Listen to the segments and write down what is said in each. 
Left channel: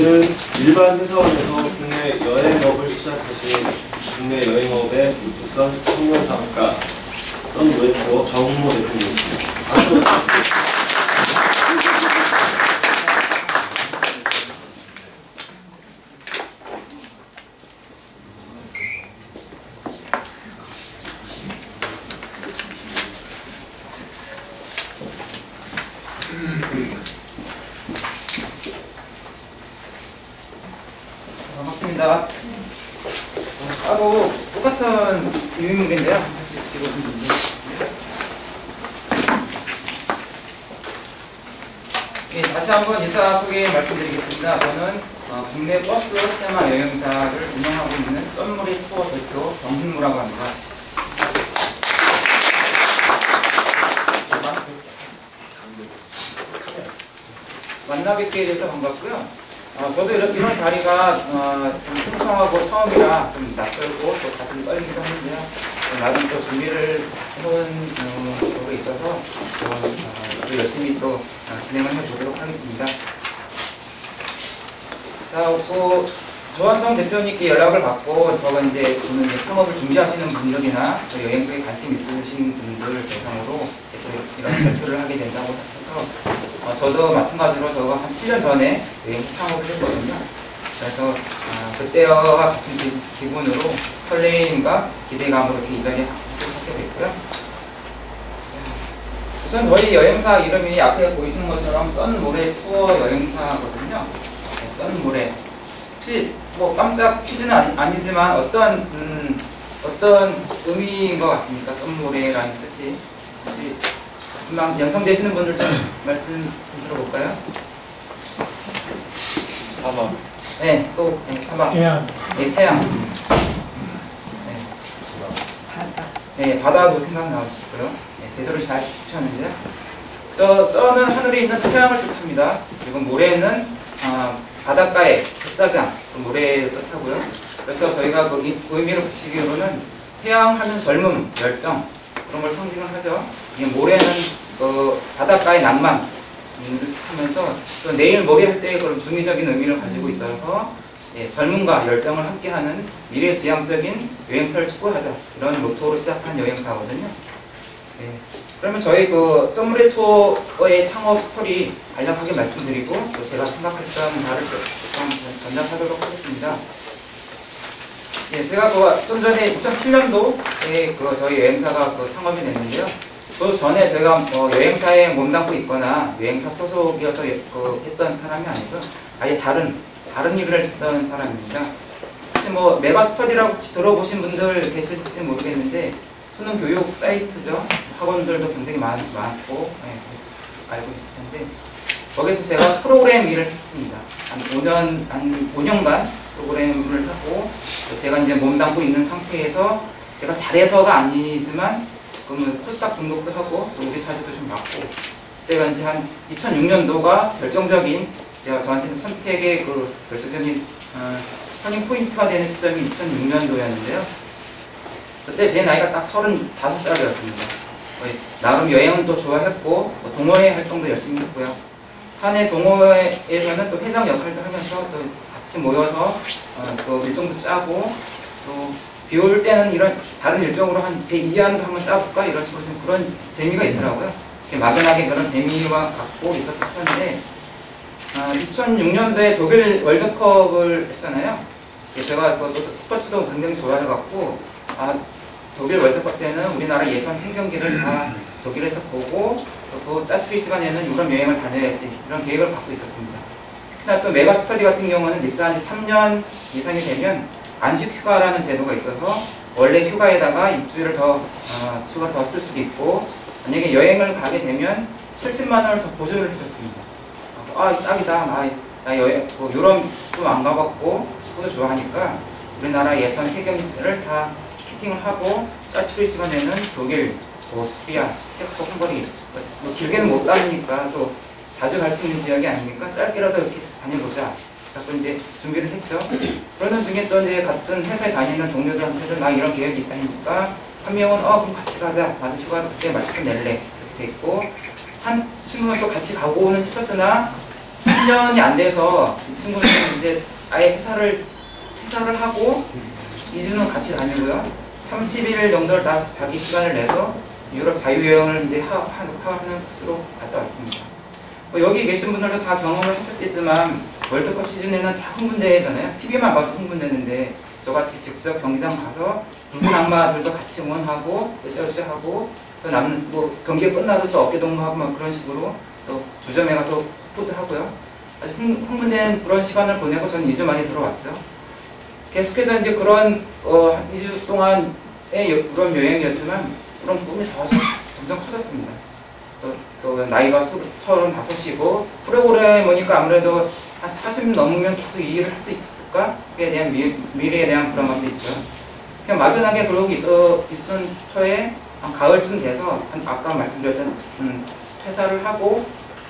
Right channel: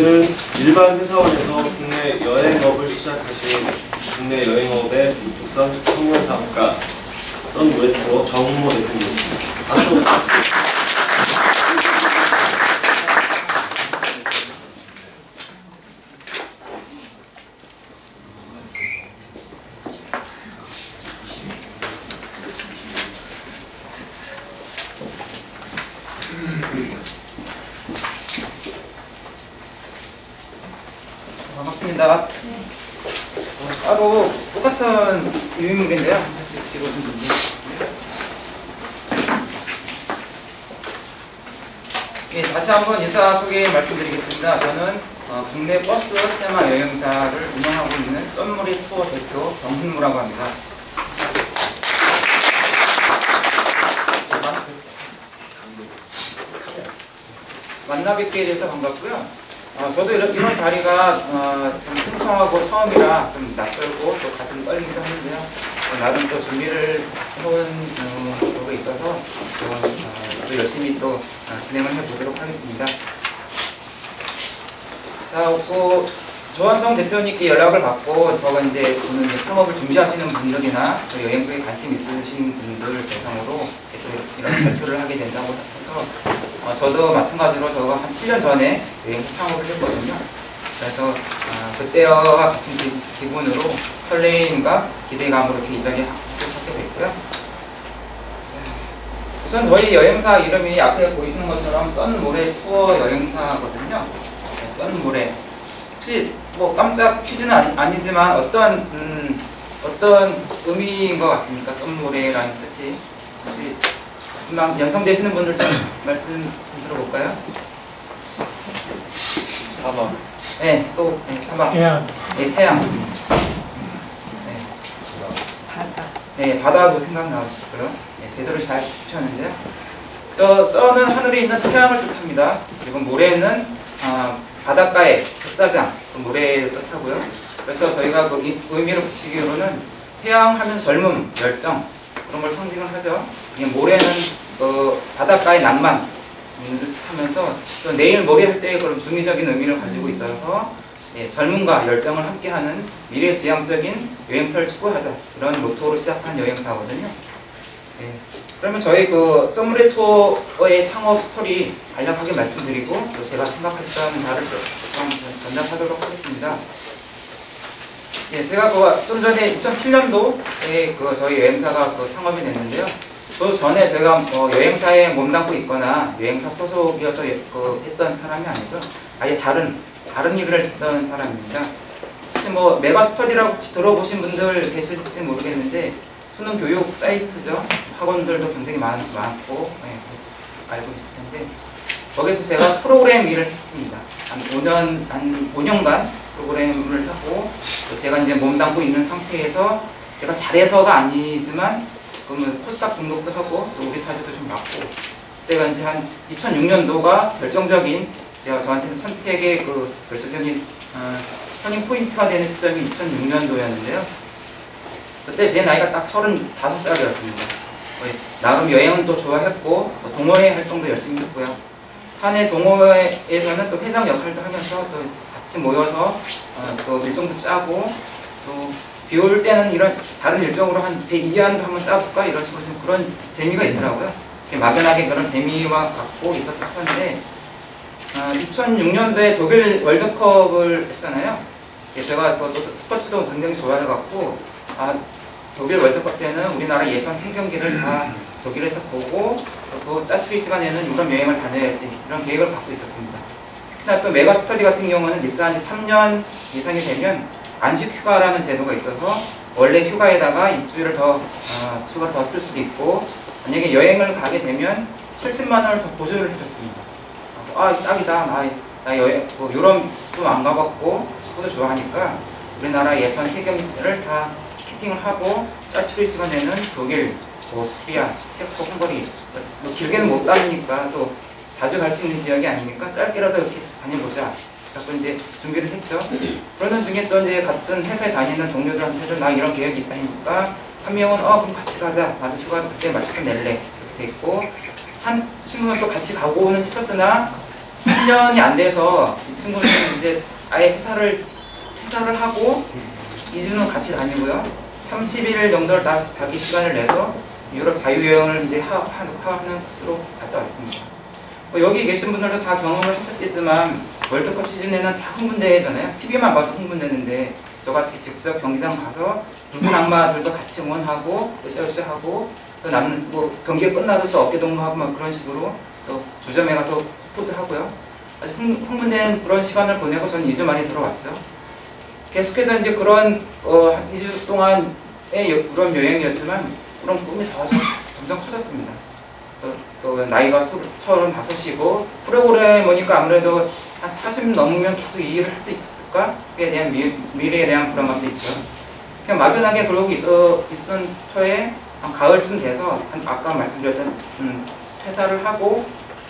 올해는 일반 회사원에서 국내 여행업을 시작하신 국내 여행업의 북선 청년 사업가 썬웨토 정모 대표님입니다. 박수. 반갑습니다. 따로 똑같은 유인물인데요. 네, 다시 한번 인사 소개 말씀드리겠습니다. 저는 국내 버스 테마 여행사를 운영하고 있는 썬무리 투어 대표 정훈무라고 합니다. 만나 뵙게 돼서 반갑고요. 저도 이런 자리가 좀 풍성하고 처음이라 좀 낯설고 또 가슴이 떨리기도 하는데요. 나름 또 준비를 해온 거가 있어서 또 열심히 또 진행을 해보도록 하겠습니다. 자, 조한성 대표님께 연락을 받고 저는 이제 창업을 준비하시는 분들이나 여행 쪽에 관심 있으신 분들 대상으로 이런 발표를 하게 된다고 해서 저도 마찬가지로 저가 한 7년 전에 여행 창업을 했거든요. 그래서 그때와 같은 기분으로 설레임과 기대감으로 이렇게 이 자리에 하게 됐고요. 우선 저희 여행사 이름이 앞에 보이시는 것처럼 썬모레 투어 여행사거든요. 네, 썬모레. 혹시 뭐 깜짝 퀴즈는 아니지만 어떤 의미인 것 같습니까? 썬모레라는 뜻이. 혹시 금방 연상되시는 분들 좀 말씀 좀 들어볼까요? 사막. 네, 또 사막. 태양. 네, 태양. 네. 바다. 네, 바다도 생각나실 거예요. 네, 제대로 잘 짚으셨는데요. 썬은 하늘에 있는 태양을 뜻합니다. 그리고 모래는 바닷가의 흑사장, 모래를 뜻하고요. 그래서 저희가 그 의미를 붙이기로는 태양 하면 젊음, 열정 그런 걸 상징을 하죠. 모래는 바닷가의 낭만 하면서 또 내일 모레 할 때 그런 중의적인 의미를 가지고 있어서 젊음과 열정을 함께하는 미래지향적인 여행사를 추구하자 이런 모토로 시작한 여행사거든요. 그러면 저희 썬무레 투어의 창업 스토리 간략하게 말씀드리고 또 제가 생각했던 바를 좀 전달하도록 하겠습니다. 제가 좀 전에 2007년도에 저희 여행사가 창업이 됐는데요. 그 전에 제가 여행사에 몸담고 있거나 여행사 소속이어서 했던 사람이 아니고요. 아예 다른 일을 했던 사람입니다. 혹시 메가스터디라고 혹시 들어보신 분들 계실지 모르겠는데 수능 교육 사이트죠. 학원들도 굉장히 많고 알고 계실 텐데 거기서 제가 프로그램 일을 했습니다. 한 5년간 프로그램을 하고 제가 이제 몸담고 있는 상태에서 제가 잘해서가 아니지만 코스닥 등록도 하고 또 우리 사주도 좀 맞고 그때가 이제 한 2006년도가 결정적인 저한테는 선택의 결정적인 터닝 포인트가 되는 시점이 2006년도였는데요. 그때 제 나이가 딱 35살이었습니다. 나름 여행은 또 좋아했고 동호회 활동도 열심히 했고요. 사내 동호회에서는 또 회장 역할도 하면서 또 같이 모여서 또 일정도 짜고 또 비 올 때는 이런 다른 일정으로 제 2안도 한번 짜볼까 이런 식으로 좀 그런 재미가 있더라고요. 막연하게 그런 재미와 갖고 있었는데 2006년도에 독일 월드컵을 했잖아요. 제가 또 스포츠도 굉장히 좋아해갖고 독일 월드컵 때는 우리나라 예선 한 경기를 다 독일에서 보고 또 짜투리 시간에는 유럽 여행을 다녀야지 이런 계획을 갖고 있었습니다. 특히나 또 메가스터디 같은 경우는 입사한 지 3년 이상이 되면 안식 휴가라는 제도가 있어서 원래 휴가에다가 일주일을 휴가를 더 쓸 수도 있고 만약에 여행을 가게 되면 70만 원을 더 보조를 해줬습니다. 딱이다. 나 유럽도 안 가봤고 축구도 좋아하니까 우리나라 예선 3경기를 다 티켓팅을 하고 짜투리 시간에는 독일, 오스트리아, 체코, 헝가리 길게는 못 다니니까 또 자주 갈 수 있는 지역이 아니니까 짧게라도 이렇게 다녀보자. 그래서 이제 준비를 했죠. 그러는 중에 또 이제 같은 회사에 다니는 동료들한테도 나 이런 계획이 있다니까 한 명은 그럼 같이 가자. 나도 휴가 그때 맞춰서 낼래. 이렇게 돼 있고 한 친구는 또 같이 가고는 싶었으나 1년이 안 돼서 이 친구는 이제 아예 퇴사를 하고 2주는 같이 다니고요. 30일 정도를 다 자기 시간을 내서 유럽 자유여행을 이제 하는 코스로 갔다 왔습니다. 여기 계신 분들도 다 경험을 하셨겠지만 월드컵 시즌에는 다 흥분되잖아요. TV만 봐도 흥분되는데 저같이 직접 경기장 가서 붉은 악마들도 같이 응원하고 으쌰으쌰하고 또 남는 뭐 경기가 끝나도 또 어깨 동무하고 막 그런 식으로 또 주점에 가서 푸드하고요. 아주 흥분된 그런 시간을 보내고 저는 2주 만에 들어왔죠. 계속해서 이제 그런 2주 동안의 그런 여행이었지만 그런 꿈이 점점 커졌습니다. 또 나이가 35이고 프로그램 보니까 아무래도 한 40 넘으면 계속 이 일을 할 수 있을까?에 대한 미래에 대한 불안감도 있고요. 그냥 막연하게 그러고 있던 터에 한 가을쯤 돼서 아까 말씀드렸던 퇴사를 하고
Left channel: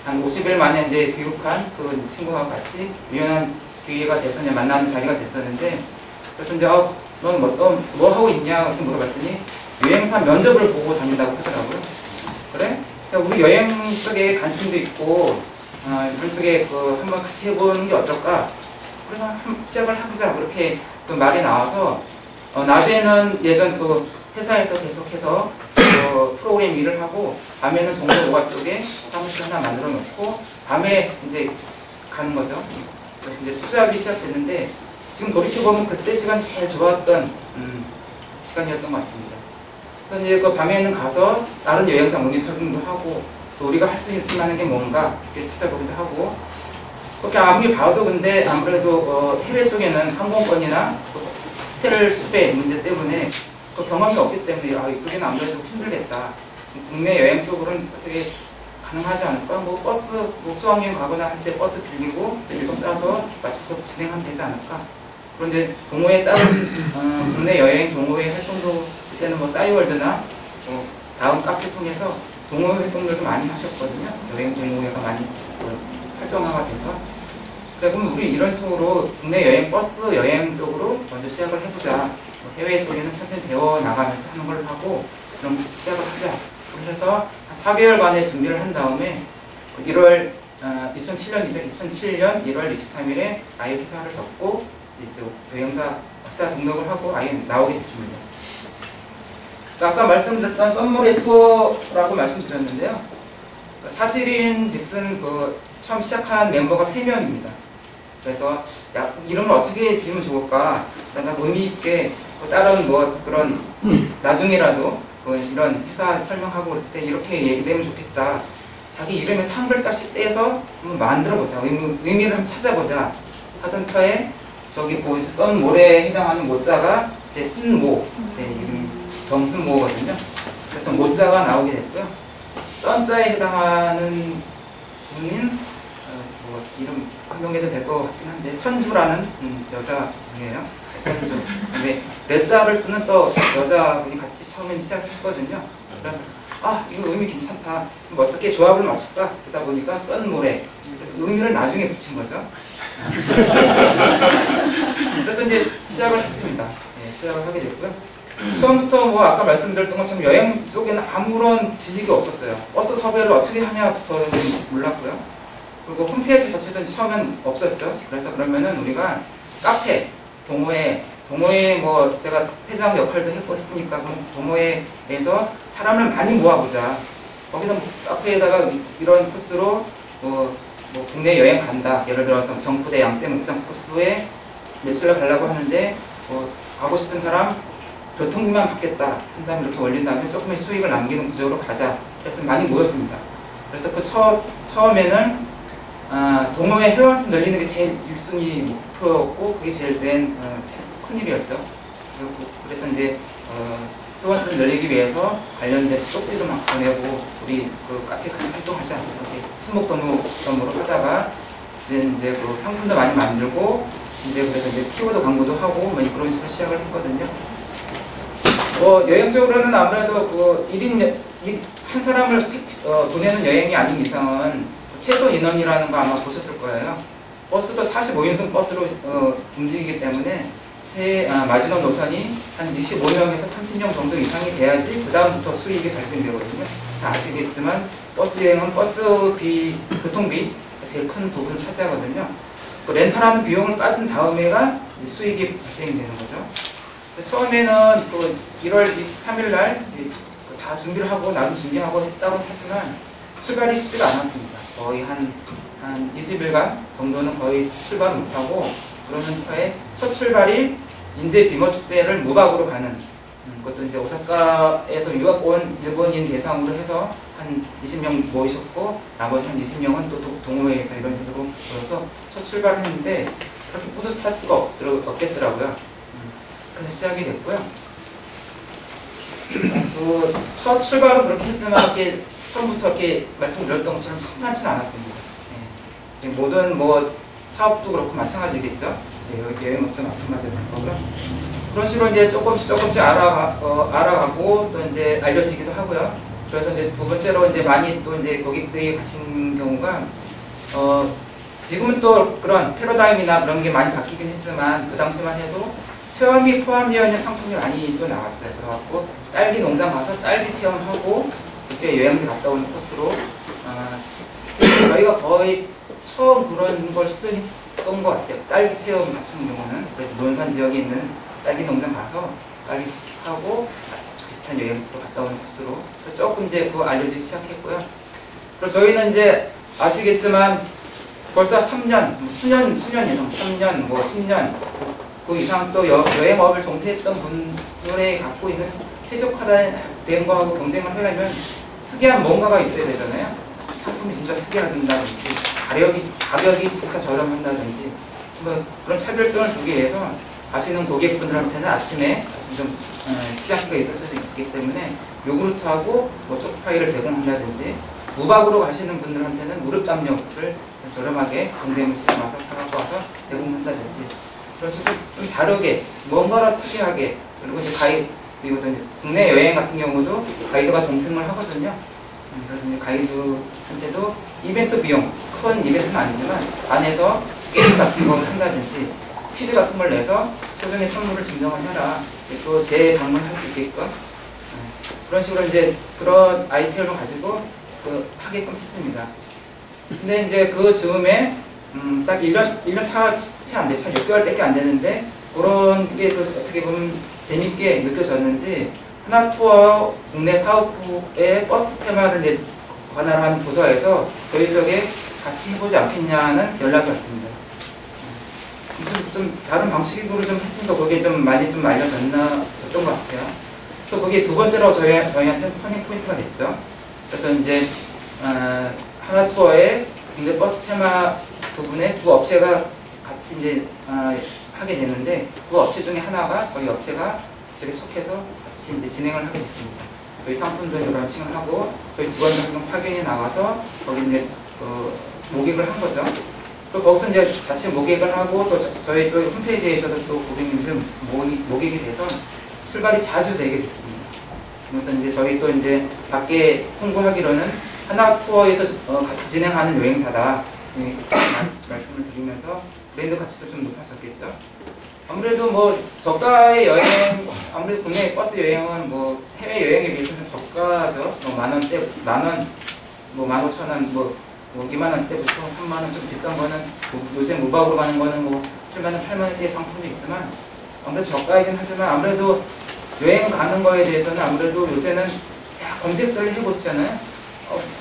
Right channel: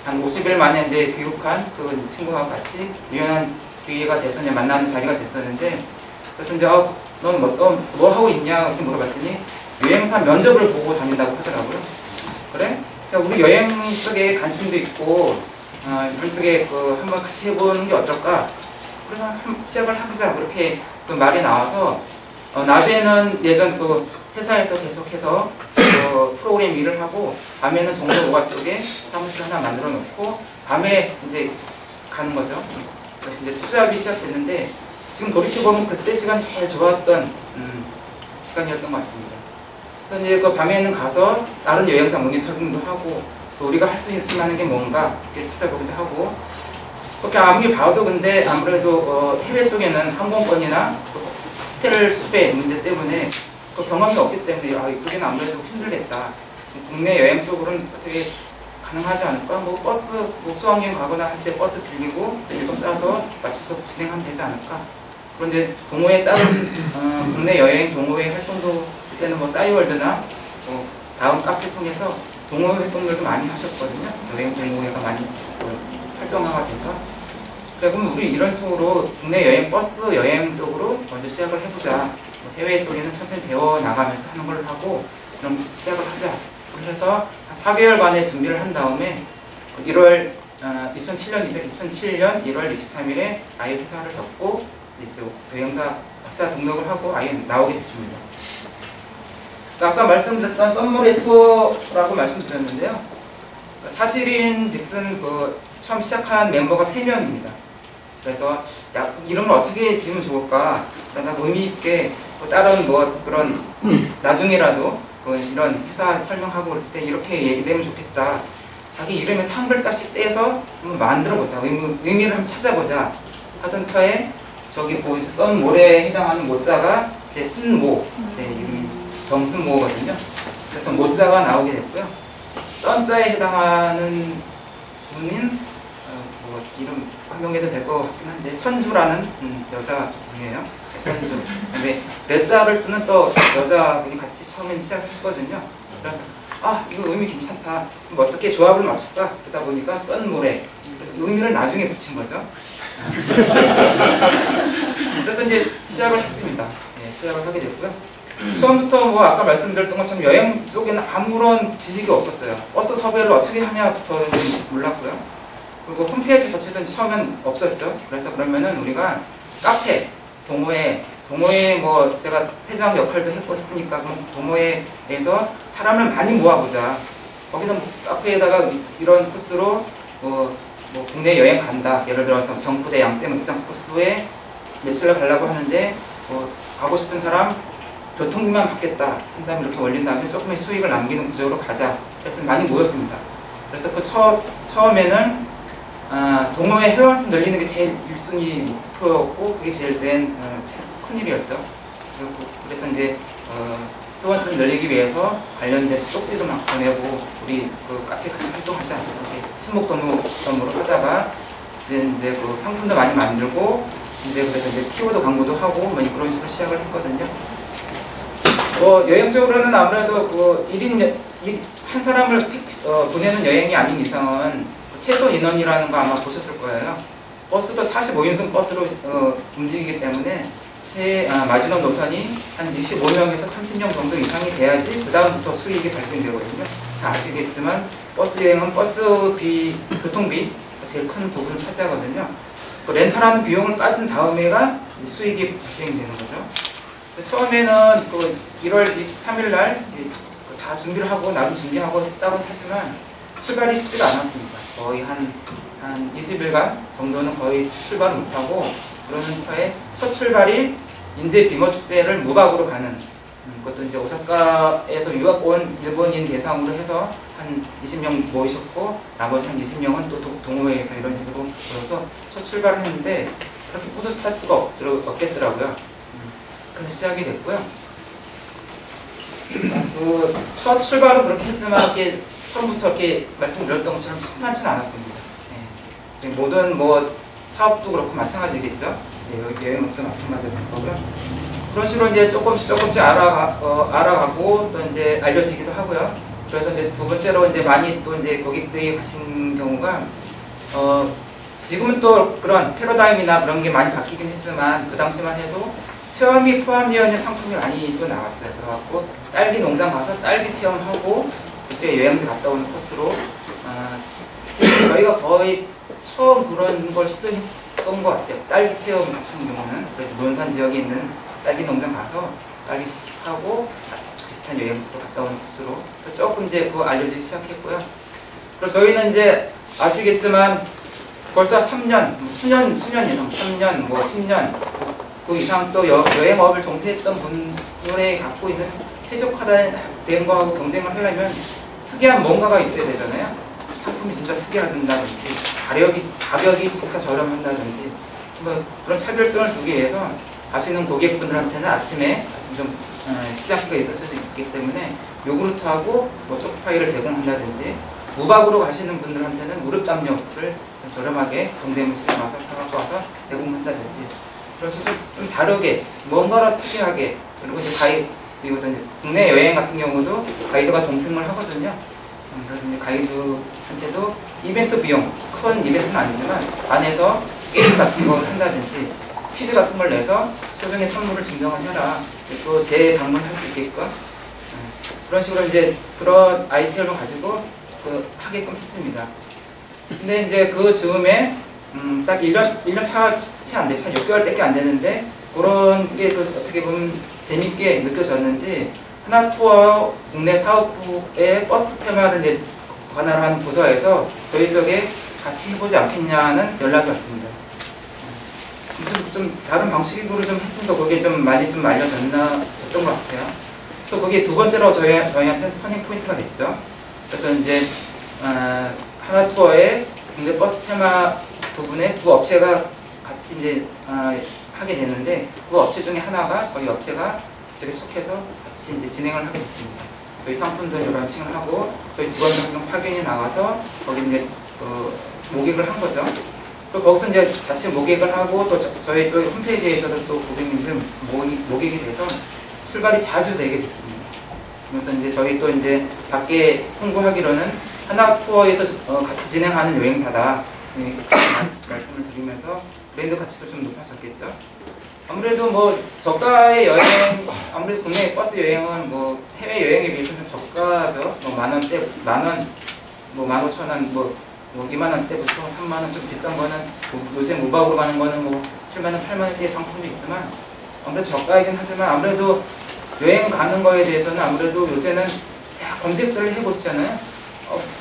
한 50일 만에 이제 귀국한 그 친구와 같이 우연한 기회가 돼서 이제 만나는 자리가 됐었는데 그래서 이제 넌 뭐 하고 있냐 이렇게 물어봤더니 여행사 면접을 보고 다닌다고 하더라고요. 그래? 그러니까 우리 여행 쪽에 관심도 있고 이런 쪽에 한번 같이 해보는 게 어떨까? 그래서 시작을 해보자 그렇게 그 말이 나와서 낮에는 예전 그 회사에서 계속해서 프로그램 일을 하고 밤에는 정보노가 쪽에 사무실 하나 만들어 놓고 밤에 이제 가는 거죠. 그래서 이제 투잡이 시작됐는데 지금 돌이켜보면 그때 시간이 제일 좋았던 시간이었던 것 같습니다. 그래서 이제 그 밤에는 가서 다른 여행사 모니터링도 하고 또 우리가 할 수 있을 만한 게 뭔가 이렇게 찾아보기도 하고 그렇게 아무리 봐도 근데 아무래도 해외 쪽에는 항공권이나 호텔 수배 문제 때문에 그 경험이 없기 때문에 이쪽에는 아무래도 힘들겠다. 국내 여행 쪽으로는 어떻게 가능하지 않을까? 뭐 버스 수학여행 가거나 할 때 버스 빌리고 일정 짜서 맞춰서 진행하면 되지 않을까? 그런데 동호회 다른 국내 여행 동호회 활동도 그때는 뭐 싸이월드나 다음 카페 통해서 동호회 활동들도 많이 하셨거든요. 여행 동호회가 많이 활성화가 돼서 그러면 우리 이런 식으로 국내 여행 버스 여행 쪽으로 먼저 시작을 해보자. 해외 쪽에는 천천히 배워 나가면서 하는 걸 하고 그럼 시작을 하자. 그래서 한 4개월간의 준비를 한 다음에 2007년 1월 23일에 아예 회사를 접고 이제 여행사 회사 등록을 하고 아예 나오게 됐습니다. 아까 말씀드렸던 썸머리 투어라고 말씀드렸는데요. 사실인 즉슨 처음 시작한 멤버가 3명입니다. 그래서 이름을 어떻게 지으면 좋을까? 그러다 의미 있게 다른 그런 나중에라도 이런 회사 설명하고 그럴 때 이렇게 얘기되면 좋겠다. 자기 이름에 상글자씩 떼서 한번 만들어보자. 의미를 한번 찾아보자. 하던 터에 저기 썬 모래에 해당하는 모자가 제 훈모, 제 이름이 정훈모거든요. 그래서 모자가 나오게 됐고요. 썬자에 해당하는 분인 이름 한명해도 될 것 같긴 한데 선주라는 여자분이에요. 선주. 근데 레자를 쓰는 또 여자분이 같이 처음에 시작했거든요. 그래서 이거 의미 괜찮다. 그럼 어떻게 조합을 맞출까? 그러다 보니까 썬모래. 그래서 의미를 나중에 붙인 거죠. 그래서 이제 시작을 했습니다. 네, 시작을 하게 됐고요. 처음부터 아까 말씀드렸던 것처럼 여행 쪽에는 아무런 지식이 없었어요. 버스 섭외를 어떻게 하냐부터는 몰랐고요. 그리고 홈페이지 자체도 처음엔 없었죠. 그래서 그러면은 우리가 카페, 동호회 제가 회장 역할도 했으니까 그럼 동호회에서 사람을 많이 모아보자. 거기서 카페에다가 이런 코스로 국내 여행 간다. 예를 들어서 경포대 양떼목장 코스에 며칠날 가려고 하는데 가고 싶은 사람 교통비만 받겠다 한 다음에 이렇게 올린 다음에 조금의 수익을 남기는 구조로 가자. 그래서 많이 모였습니다. 그래서 처음에는 동호회 회원수 늘리는 게 제일 1순위 목표였고 그게 제일 큰일이었죠. 그래서 이제 회원수를 늘리기 위해서 관련된 쪽지도 막 보내고 우리 카페 같이 활동하자 이렇게 친목도모로 하다가 이제 상품도 많이 만들고 그래서 이제 키워드 광고도 하고 그런 식으로 시작을 했거든요. 여행적으로는 아무래도 1인 한 사람을 보내는 여행이 아닌 이상은 최소 인원이라는 거 아마 보셨을 거예요. 버스도 45인승 버스로 움직이기 때문에 마지노 노선이 한 25명에서 30명 정도 이상이 돼야지 그 다음부터 수익이 발생되거든요. 다 아시겠지만 버스 여행은 버스비, 교통비 제일 큰 부분을 차지하거든요. 그 렌탈하는 비용을 빠진 다음에가 수익이 발생되는 거죠. 처음에는 그 1월 23일 날 다 준비를 하고 나도 준비하고 했다고 하지만 출발이 쉽지가 않았습니다. 거의 한 20일간 정도는 거의 출발을 못하고 그러는 터에 첫 출발이 인제 빙어 축제를 무박으로 가는 그것도 이제 오사카에서 유학 온 일본인 대상으로 해서 한 20명 모이셨고 나머지 한 20명은 또 동호회에서 이런 식으로 모여서 첫 출발을 했는데 그렇게 뿌듯할 수가 없겠더라고요. 그래서 시작이 됐고요. 그 첫 출발은 그렇게 했지만 이렇게 처음부터 이렇게 말씀드렸던 것처럼 순탄치는 않았습니다. 네. 모든 뭐 사업도 그렇고 마찬가지겠죠. 네, 여행업도 마찬가지였을 거고요. 그런 식으로 이제 조금씩 알아가고 또 이제 알려지기도 하고요. 그래서 이제 두 번째로 이제 많이 또 이제 고객들이 가신 경우가 지금은 또 그런 패러다임이나 그런 게 많이 바뀌긴 했지만 그 당시만 해도 체험이 포함되어 있는 상품이 많이 또 나왔어요. 그래갖고 딸기 농장 가서 딸기 체험하고 그쪽에 여행지 갔다 오는 코스로 저희가 거의 처음 그런 걸 시도했던 것 같아요. 딸기 체험 같은 경우는 그래서 논산 지역에 있는 딸기 농장 가서 딸기 시식하고 비슷한 여행지로 갔다 오는 코스로 조금 이제 그거 알려지기 시작했고요. 그리고 저희는 이제 아시겠지만 벌써 3년, 수년 이상, 3년, 뭐 10년 그 이상 또 여행업을 종사했던 분들이 갖고 있는 최적화된 거하고 경쟁을 하려면 특이한 뭔가가 있어야 되잖아요. 상품이 진짜 특이하다든지 가격이 진짜 저렴한다든지 뭐 그런 차별성을 두기 위해서 아시는 고객분들한테는 아침에 좀 시장기가 있을 수도 있기 때문에 요구르트하고 뭐 초코파이를 제공한다든지 무박으로 가시는 분들한테는 무릎 담요를 저렴하게 동대문시장에 와서 사갖고 와서 제공한다든지 그런 식으로 좀 다르게 뭔가를 특이하게 그리고 이제 그리고 이제 국내 여행 같은 경우도 가이드가 동승을 하거든요. 그래서 이제 가이드한테도 이벤트 비용 큰 이벤트는 아니지만 안에서 게임 같은 걸 한다든지 퀴즈 같은 걸 내서 소정의 선물을 증정을 해라. 또 재방문할 수 있게끔 그런 식으로 이제 그런 아이템을 가지고 하게끔 했습니다. 근데 이제 그 즈음에 딱 1년 채 안 돼, 차 6개월밖에 안 되는데 그런 게 어떻게 보면 재밌게 느껴졌는지 하나투어 국내 사업부의 버스 테마를 이제 관할하는 부서에서 저희 쪽에 같이 해보지 않겠냐는 연락이 왔습니다. 좀 다른 방식으로 좀 했으니까 그게 좀 많이 좀 알려졌던 것 같아요. 그래서 그게 두 번째로 저희한테 터닝 포인트가 됐죠. 그래서 이제 하나투어의 국내 버스 테마 부분에 두 업체가 같이 이제 하게 됐는데 그 업체 중에 하나가 저희 업체가 저에 속해서 같이 이제 진행을 하게 됐습니다. 저희 상품들 런칭을 하고 저희 직원들 파견이 나가서 거기 이제 모객을 한 거죠. 또 거기서 이제 자체 모객을 하고 또 저희 홈페이지에서도 또 고객님들 모객이 돼서 출발이 자주 되게 됐습니다. 그래서 이제 저희 또 이제 밖에 홍보하기로는 하나투어에서 같이 진행하는 여행사다 말씀을 드리면서 브랜드 가치도 좀 높아졌겠죠. 아무래도 뭐 저가의 여행, 아무래도 국내 버스 여행은 뭐 해외 여행에 비해서 좀 저가죠. 뭐 만원대, 만원, 뭐 15,000원, 뭐 2만원대부터 3만원 좀 비싼 거는 요새 무박으로 가는 거는 뭐 7만원, 8만원대의 상품도 있지만 아무래도 저가이긴 하지만 아무래도 여행 가는 거에 대해서는 아무래도 요새는 다 검색들을 해보시잖아요.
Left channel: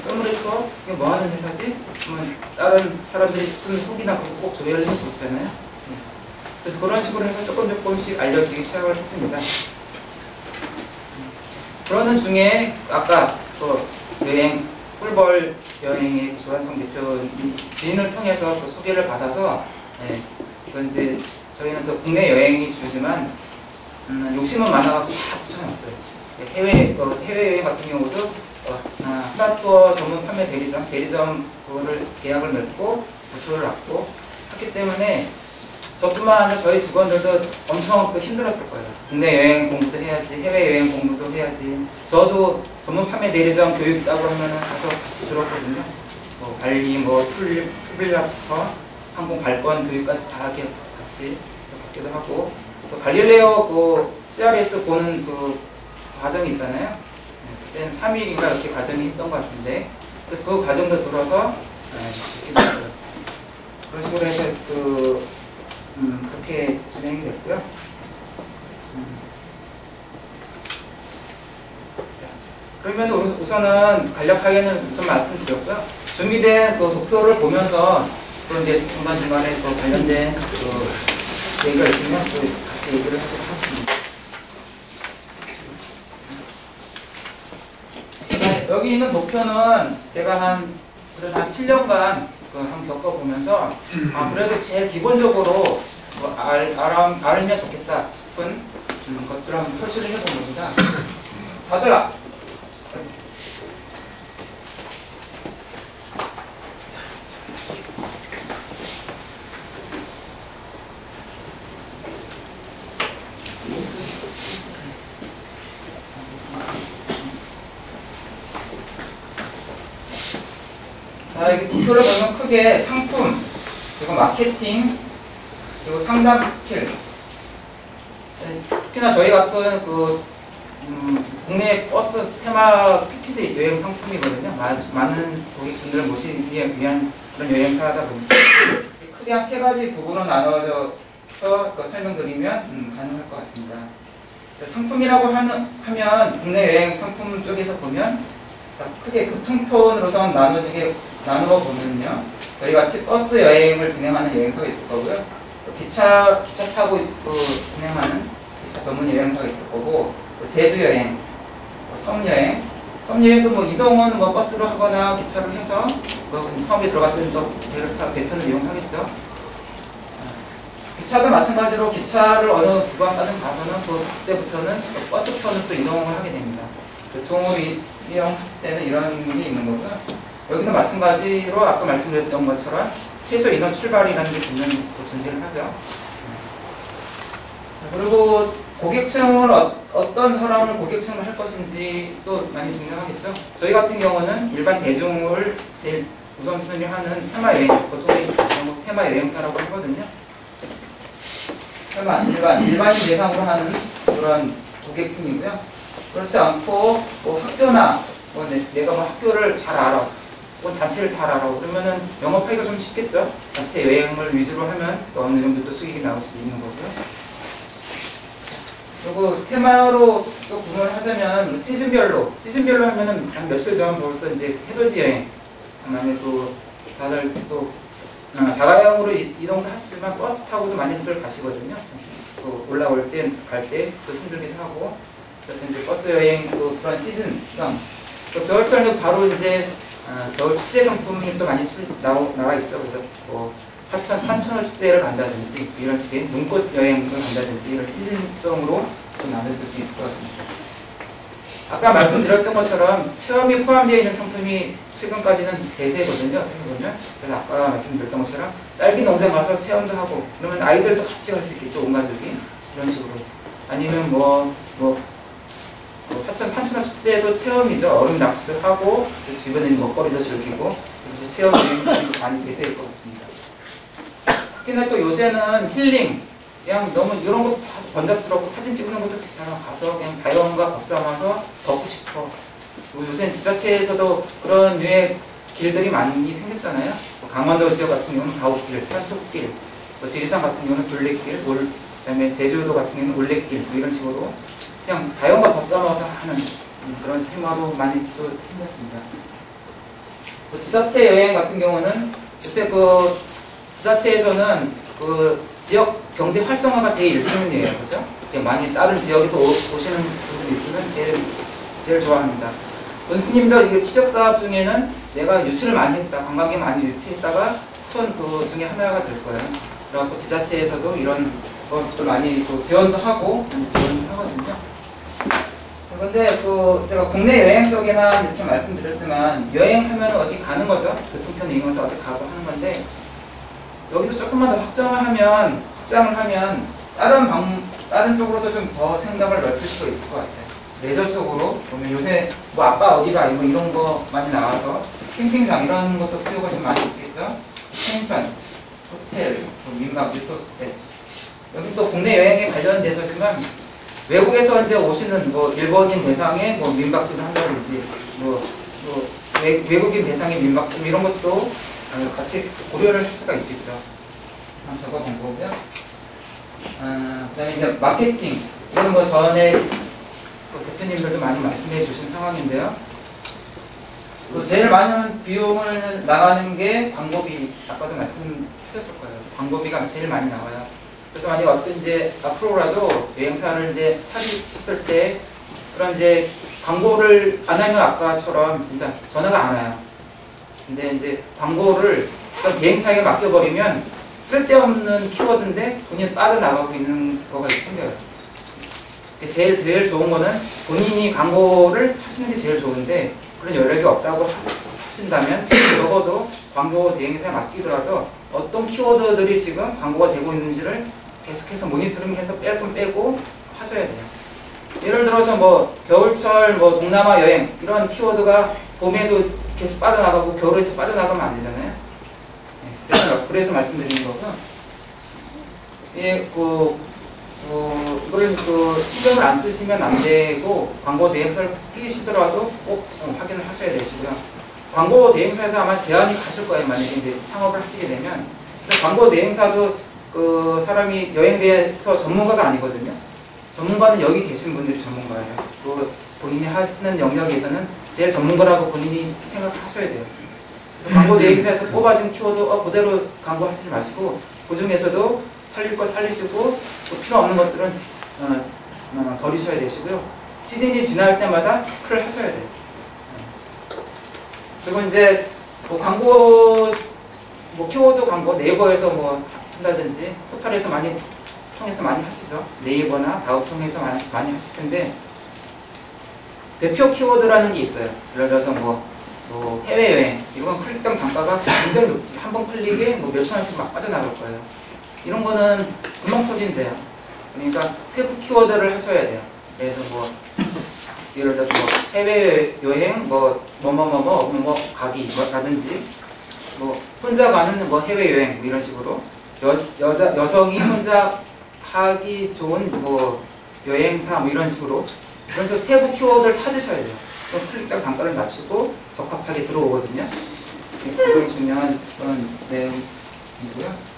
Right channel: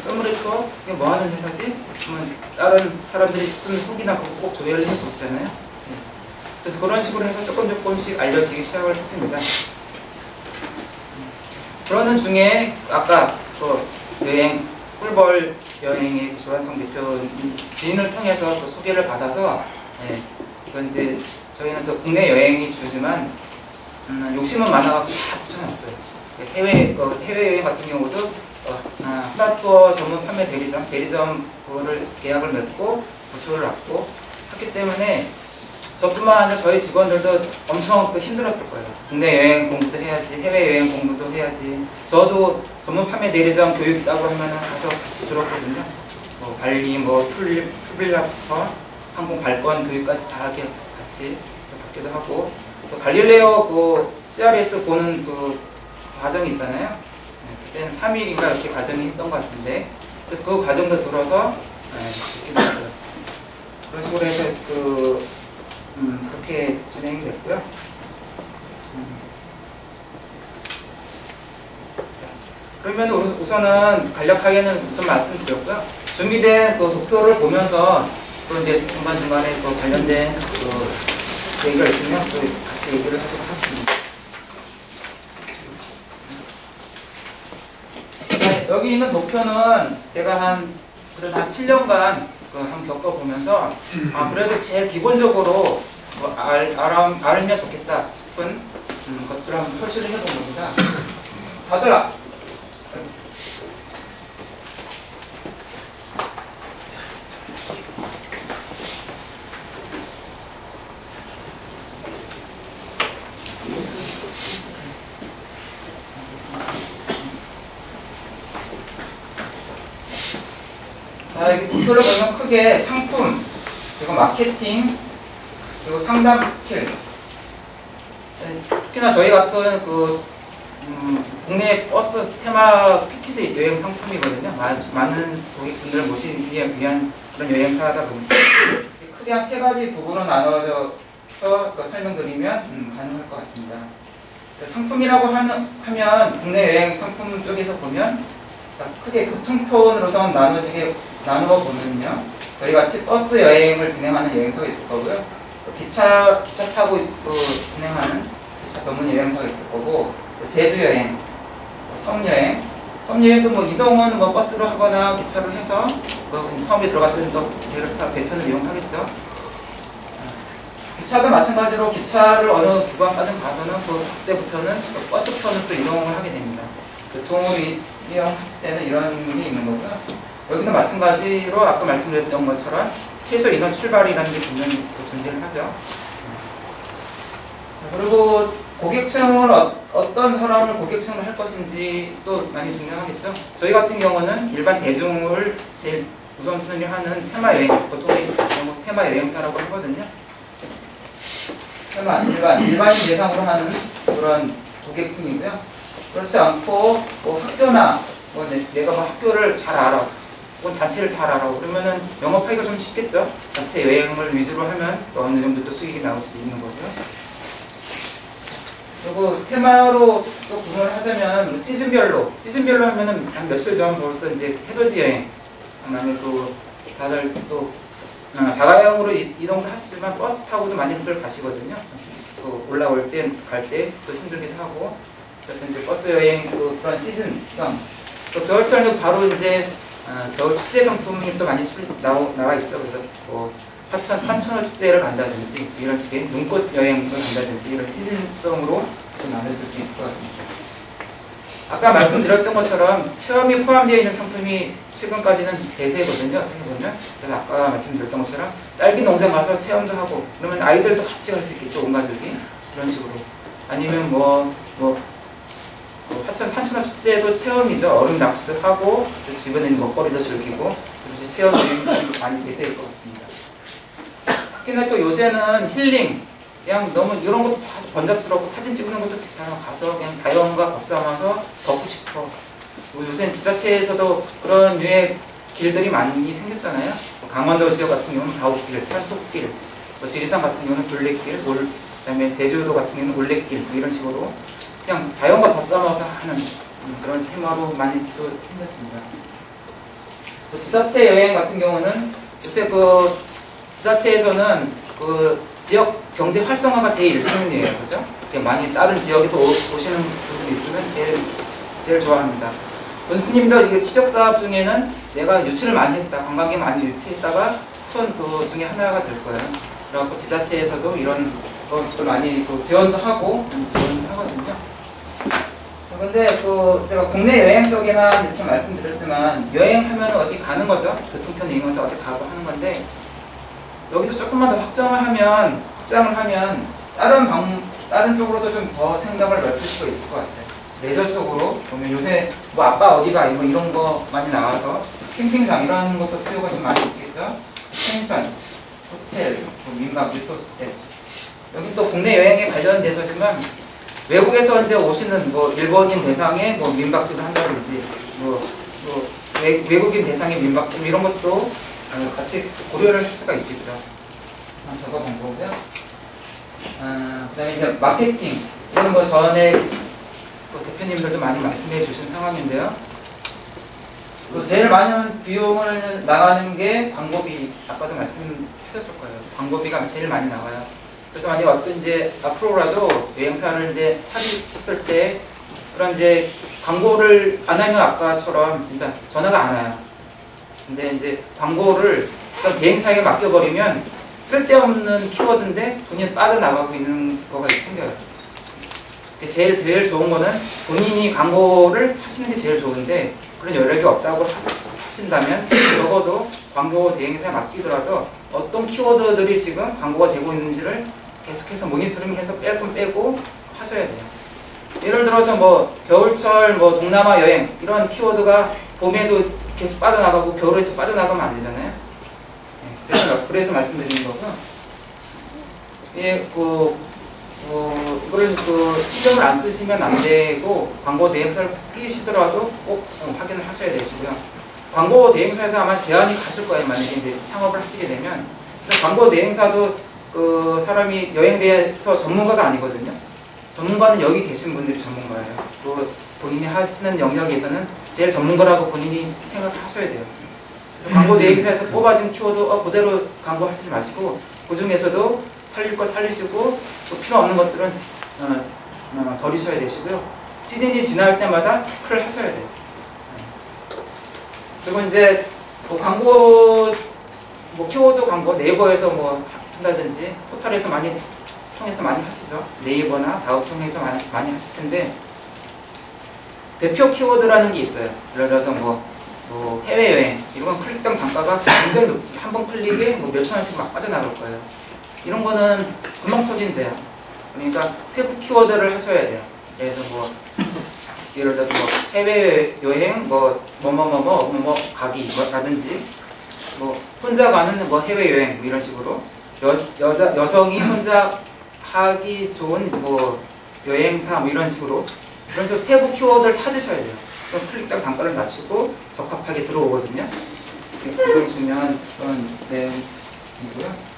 썸브레터 이게 뭐 하는 회사지? 그러면 다른 사람들이 쓰는 후기나 그거 꼭 조회를 해보시잖아요. 네. 그래서 그런 식으로 해서 조금씩 알려지기 시작을 했습니다. 그러는 중에 아까 그 여행 꿀벌 여행의 조한성 대표 지인을 통해서 그 소개를 받아서 그런데 저희는 또 국내 여행이 주지만 욕심은 많아갖고 다 붙여놨어요. 해외 여행 같은 경우도 하나투어 전문 판매 대리점 그거를 계약을 맺고 부초를 놨고 했기 때문에 저뿐만 아니라 저희 직원들도 엄청 힘들었을 거예요. 국내 여행 공부도 해야지, 해외 여행 공부도 해야지. 저도 전문 판매 대리점 교육 있다고 하면 가서 같이 들었거든요. 뭐 발리, 뭐 풀빌라부터 항공 발권 교육까지 다 이렇게 같이 받기도 하고 또 갈릴레오 그 CRS 보는 그 과정이 있잖아요. 그때는 3일인가 이렇게 과정이 있던 것 같은데 그래서 그 과정도 들어서 이렇게 됐어요. 그런 식으로 해서 그렇게 진행이 됐고요. 자, 그러면 우선은 간략하게는 우선 말씀드렸고요. 준비된 그 도표를 보면서 또 이제 중간중간에 또 관련된 얘기가 있으면 또 같이 얘기를 하도록 하겠습니다. 자, 여기 있는 도표는 제가 그래도 한 7년간 한번 겪어보면서 그래도 제일 기본적으로 알면 좋겠다 싶은 것들을 한번 표시를 해본 겁니다. 다들 자, 여기 도표를 보면 크게 상품, 그리고 마케팅, 그리고 상담 스킬. 특히나 저희 같은 국내 버스 테마 패키지 여행 상품이거든요. 많은 고객분들을 모시기 위한 그런 여행사다 보니까 크게 한 3가지 부분으로 나눠져서 설명드리면 가능할 것 같습니다. 상품이라고 하면 국내 여행 상품 쪽에서 보면 크게 교통편으로서 나누어 보면요. 저희 같이 버스 여행을 진행하는 여행사가 있을 거고요. 또 기차 타고 진행하는 기차 전문 여행사가 있을 거고, 또 제주 여행, 섬여행도 뭐 이동은 뭐 버스로 하거나 기차로 해서 섬에 들어갔더니 또 배를 타 배편을 이용하겠죠. 기차도 마찬가지로 기차를 어느 구간까지 가서는 그때부터는 버스편을 또 이동을 하게 됩니다. 교통을 이용했을 때는 이런 게 있는 거고요. 여기도 마찬가지로 아까 말씀드렸던 것처럼 최소 인원 출발이라는 게 분명히 존재를 하죠. 자, 그리고 고객층을 어떤 사람을 고객층을 할 것인지 또 많이 중요하겠죠. 저희 같은 경우는 일반 대중을 제일 우선순위를 하는 테마 여행사, 보통 테마 여행사라고 하거든요. 일반인 대상으로 하는 그런 고객층이고요. 그렇지 않고 학교나 내가 학교를 잘 알아, 혹은 단체를 잘 알아, 그러면은 영업하기가 좀 쉽겠죠. 단체 여행을 위주로 하면 또 어느 정도 또 수익이 나올 수도 있는 거고요. 그리고 테마로 또 구분을 하자면 시즌별로 하면은 한 며칠 전 벌써 이제 해돋이 여행, 만약에 또 다들 또 자가용으로 이동도 하시지만 버스 타고도 많이들 가시거든요. 올라올 때 갈 때 또 힘들기도 하고. 그래서 이제 버스 여행 그런 시즌성, 또 겨울철은 바로 이제 겨울 축제 상품이 또 많이 나와 있죠. 그래서 하천 산천어 축제를 간다든지 이런 식의 눈꽃 여행을 간다든지 이런 시즌성으로 좀 나눠줄 수 있을 것 같습니다. 아까 말씀드렸던 것처럼 체험이 포함되어 있는 상품이 최근까지는 대세거든요. 어떻게 보면. 그래서 아까 말씀드렸던 것처럼 딸기 농장 가서 체험도 하고, 그러면 아이들도 같이 갈 수 있겠죠. 온 가족이. 그런 식으로. 아니면 하천 산천어 축제도 체험이죠. 얼음 낚시도 하고, 주변에 있는 먹거리도 즐기고, 그래서 체험 여행이 많이 대세일 것 같습니다. 특히나 또 요새는 힐링, 그냥 너무 이런 것도 다 번잡스럽고 사진 찍는 것도 귀찮아. 가서 그냥 자연과 밥싸면서 걷고 싶어. 요새는 지자체에서도 그런 류의 길들이 많이 생겼잖아요. 강원도 지역 같은 경우는 가옥길, 산속길, 지리산 같은 경우는 둘레길, 그다음에 제주도 같은 경우는 올레길, 이런 식으로 그냥 자연과 밥싸면서 하는 그런 테마로 많이 또 생겼습니다. 지자체 여행 같은 경우는 요새 지자체에서는 지역 경제 활성화가 제일 1순위예요. 그죠? 많이 다른 지역에서 오시는 분들이 있으면 제일 좋아합니다. 군수님도 이게 지적사업 중에는 내가 유치를 많이 했다, 관광객 많이 유치했다가 큰 중에 하나가 될 거예요. 그래갖고 지자체에서도 이런 것도 많이 지원도 하고, 지원을 하거든요. 자, 근데 제가 국내 여행 쪽에만 이렇게 말씀드렸지만, 여행하면 어디 가는 거죠? 교통편 이용해서 어디 가고 하는 건데, 여기서 조금만 더 확장을 하면 다른 쪽으로도 좀 더 생각을 넓힐 수가 있을 것 같아요. 레저 쪽으로 보면 요새 아빠 어디가 이런 거 많이 나와서 캠핑장 이런 것도 수요가 좀 많이 있겠죠. 펜션, 호텔, 민박, 리소스 호텔. 여기 또 국내 여행에 관련돼서지만 외국에서 이제 오시는 일본인 대상의 민박집을 한다든지 외국인 대상의 민박집 이런 것도 같이 고려를 할 수가 있겠죠. 한번 적어본 거고요. 그다음에 이제 마케팅. 이건 뭐 전에 그 대표님들도 많이 말씀해 주신 상황인데요. 그 제일 많은 비용을 나가는 게 광고비. 아까도 말씀하셨을 거예요. 광고비가 제일 많이 나와요. 그래서 만약에 어떤 이제 앞으로라도 여행사를 이제 차리셨을 때 그런 이제 광고를 안 하면 아까처럼 진짜 전화가 안 와요. 근데 이제 광고를 어떤 비행사에게 맡겨버리면 쓸데없는 키워드인데 돈이 빠져나가고 있는 거가 생겨요. 제일 좋은 거는 본인이 광고를 하시는 게 제일 좋은데 그런 여력이 없다고 하신다면 적어도 광고 대행사에 맡기더라도 어떤 키워드들이 지금 광고가 되고 있는지를 계속해서 모니터링해서 뺄 건 빼고 하셔야 돼요. 예를 들어서 뭐 겨울철 뭐 동남아 여행 이런 키워드가 봄에도 계속 빠져나가고 겨울에도 빠져나가면 안 되잖아요. 그래서 말씀드리는 거고요. 예, 이거를 신경을 안 쓰시면 안 되고 광고 대행사를 끼시더라도 꼭 확인을 하셔야 되시고요. 광고 대행사에서 아마 제안이 가실 거예요. 만약에 이제 창업을 하시게 되면. 그래서 광고 대행사도 그 사람이 여행에 대해서 전문가가 아니거든요. 전문가는 여기 계신 분들이 전문가예요. 그 본인이 하시는 영역에서는 제일 전문가라고 본인이 생각하셔야 돼요. 그래서 광고 대행사에서 뽑아진 키워드 그대로 광고하시지 마시고 그 중에서도 살릴 거 살리시고 또 필요 없는 것들은 버리셔야 되시고요. 시즌이 지날 때마다 체크를 하셔야 돼요. 그리고 이제 뭐 광고 키워드 광고 네이버에서 뭐 한다든지 포털에서 통해서 많이 하시죠. 네이버나 다음 통해서 많이 하실 텐데 대표 키워드라는 게 있어요. 예를 들어서 뭐 해외여행 이런 클릭당 단가가 굉장히 높게 한 번 클릭에 뭐 몇천 원씩 막 빠져나갈 거예요. 이런 거는 금방 소진돼요. 그러니까 세부 키워드를 하셔야 돼요. 그래서 뭐 예를 들어서 뭐 해외여행 뭐 가기라든지 뭐 혼자 가는 뭐 해외여행 뭐 이런 식으로 여성이 혼자 하기 좋은 뭐 여행사 뭐 이런 식으로 세부 키워드를 찾으셔야 돼요. 그럼 클릭당 단가를 낮추고 적합하게 들어오거든요. 굉장히 중요한 그런 내용이고요.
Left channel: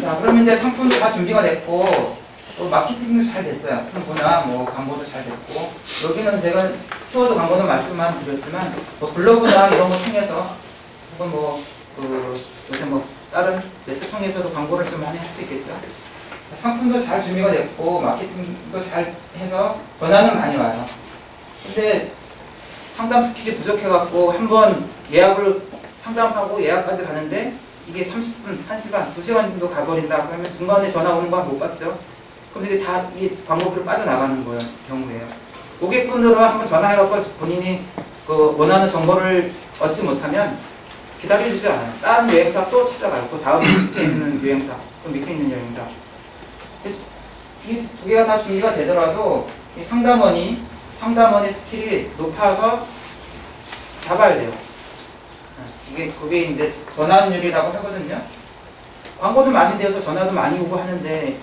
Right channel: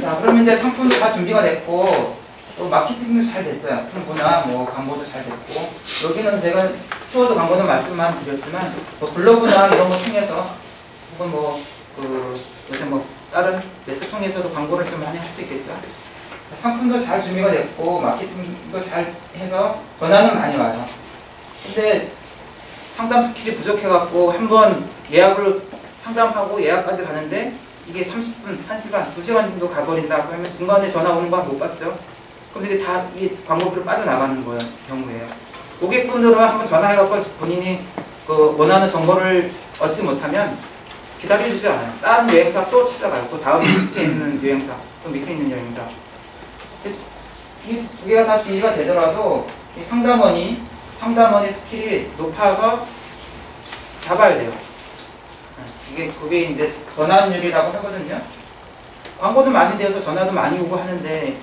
자, 그러면 이제 상품도 다 준비가 됐고 또 마케팅도 잘 됐어요. 홍보나 뭐 광고도 잘 됐고 여기는 제가 키워드 광고는 말씀만 드렸지만 뭐 블로그나 이런 거 통해서 혹은 요새 뭐 다른 매체 통해서도 광고를 좀 많이 할 수 있겠죠. 상품도 잘 준비가 됐고 마케팅도 잘 해서 전화는 많이 와요. 근데 상담 스킬이 부족해갖고 한번 예약을 상담하고 예약까지 가는데 이게 30분, 1시간, 2시간 정도 가버린다 그러면 중간에 전화 오는 거 못 받죠. 그럼 이게 다 이 광고비로 빠져나가는 거예요. 경우에요. 고객분들은 한번 전화해갖고 본인이 그 원하는 정보를 얻지 못하면 기다려주지 않아요. 다른 여행사 또 찾아가요. 그 다음 밑에 있는 여행사, 그 밑에 있는 여행사. 그래서 이 두 개가 다 준비가 되더라도 이 상담원의 스킬이 높아서 잡아야 돼요. 그게 이제 전환율이라고 하거든요. 광고도 많이 되어서 전화도 많이 오고 하는데,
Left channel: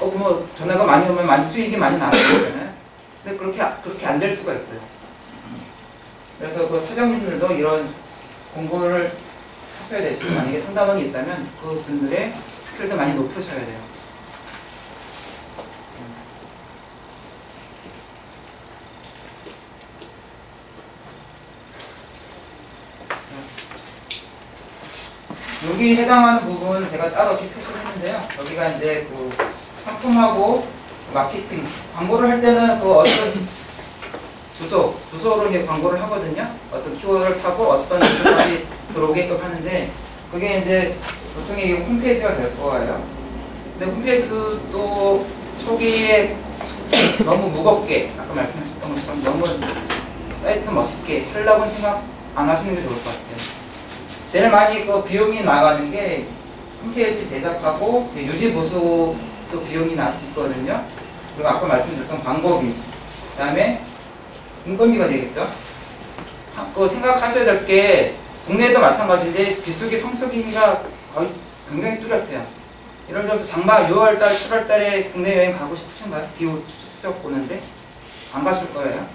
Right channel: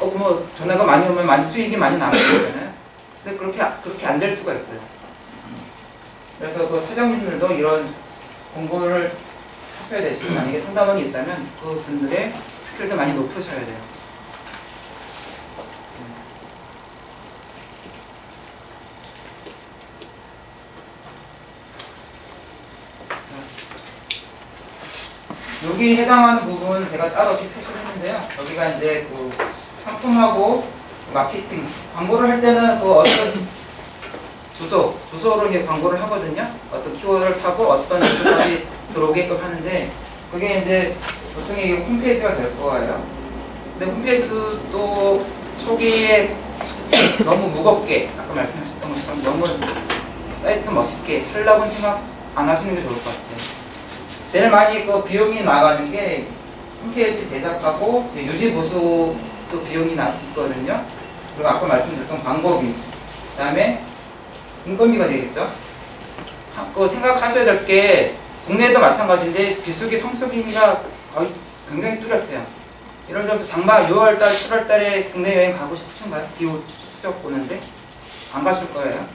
뭐 전화가 많이 오면 많이 수익이 많이 나는 거잖아요. 근데 그렇게 안 될 수가 있어요. 그래서 그 사장님들도 이런 공부를 하셔야 되시고, 만약에 상담원이 있다면 그 분들의 스킬도 많이 높으셔야 돼요. 여기 해당하는 부분은 제가 따로 이렇게 표시를 했는데요. 여기가 이제 그 상품하고 마케팅, 광고를 할 때는 그 어떤 주소로 이제 광고를 하거든요. 어떤 키워드를 타고 어떤 주소까지 들어오게끔 하는데, 그게 이제 보통 이게 홈페이지가 될 거예요. 근데 홈페이지도 또 초기에 너무 무겁게, 아까 말씀하셨던 것처럼 너무 사이트 멋있게 하려고 생각 안 하시는 게 좋을 것 같아요. 제일 많이 그 비용이 나가는 게 홈페이지 제작하고 유지 보수도 비용이 있거든요. 그리고 아까 말씀드렸던 광고비, 그 다음에 인건비가 되겠죠. 그 생각하셔야 될 게 국내도 마찬가지인데 비수기 성수기가 거의 굉장히 뚜렷해요. 예를 들어서 장마 6월달, 7월달에 국내 여행 가고 싶으신가요? 비 추적 보는데 안 가실 거예요.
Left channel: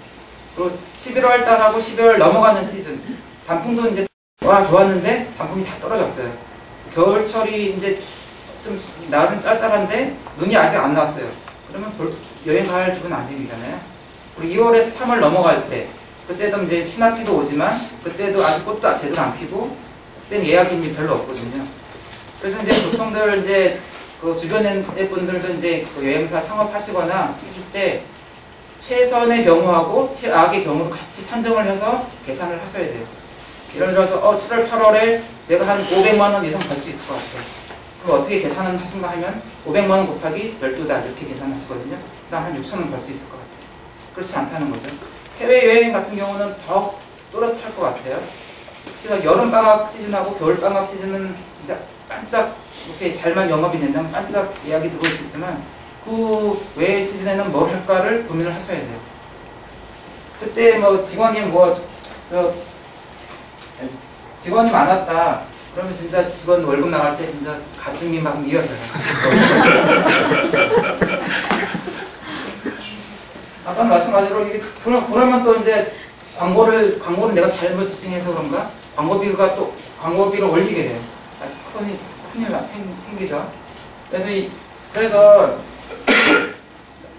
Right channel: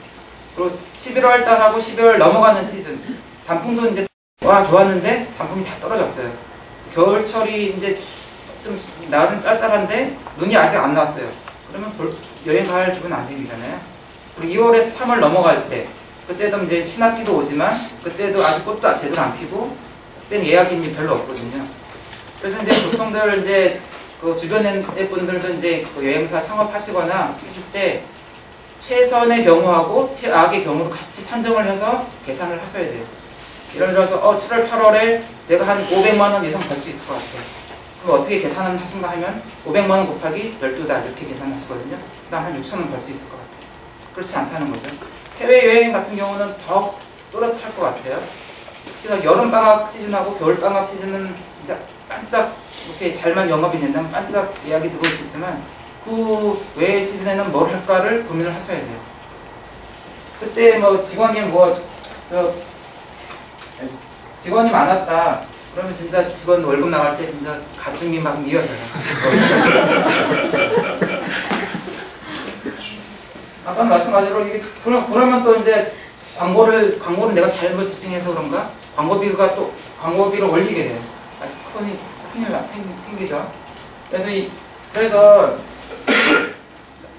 그리고 11월달하고 12월 넘어가는 시즌, 단풍도 이제 와 좋았는데 단풍이 다 떨어졌어요. 겨울철이 이제 좀 날은 쌀쌀한데 눈이 아직 안 나왔어요. 그러면 여행 갈 기분 안 생기잖아요. 그리고 2월에서 3월 넘어갈 때 그때도 이제 신학기도 오지만 그때도 아직 꽃도 제대로 안 피고 그때는 예약인이 별로 없거든요. 그래서 이제 보통들 이제 그 주변의 분들도 이제 그 여행사 창업하시거나 하실 때 최선의 경우하고 최악의 경우로 같이 산정을 해서 계산을 하셔야 돼요. 예를 들어서 7월 8월에 내가 한 500만 원 이상 벌 수 있을 것 같아요. 그럼 어떻게 계산을 하신가 하면 500만 원 곱하기 12달 이렇게 계산하시거든요. 그다음 한 6천 원 벌 수 있을 것 같아요. 그렇지 않다는 거죠. 해외여행 같은 경우는 더 또렷할 것 같아요. 그래서 여름방학 시즌하고 겨울방학 시즌은 진짜 반짝 이렇게 잘만 영업이 된다면 반짝 예약이 들어올 수 있지만 그 외의 시즌에는 뭘 할까를 고민을 하셔야 돼요. 그때 뭐 직원이 많았다. 그러면 진짜 직원 월급 나갈 때 진짜 가슴이 막 미어져요. 아까 마찬가지로 이게 그러면 또 이제 광고를 내가 잘못 집행해서 그런가 광고비를 올리게 돼요. 아주 큰일 생기죠. 그래서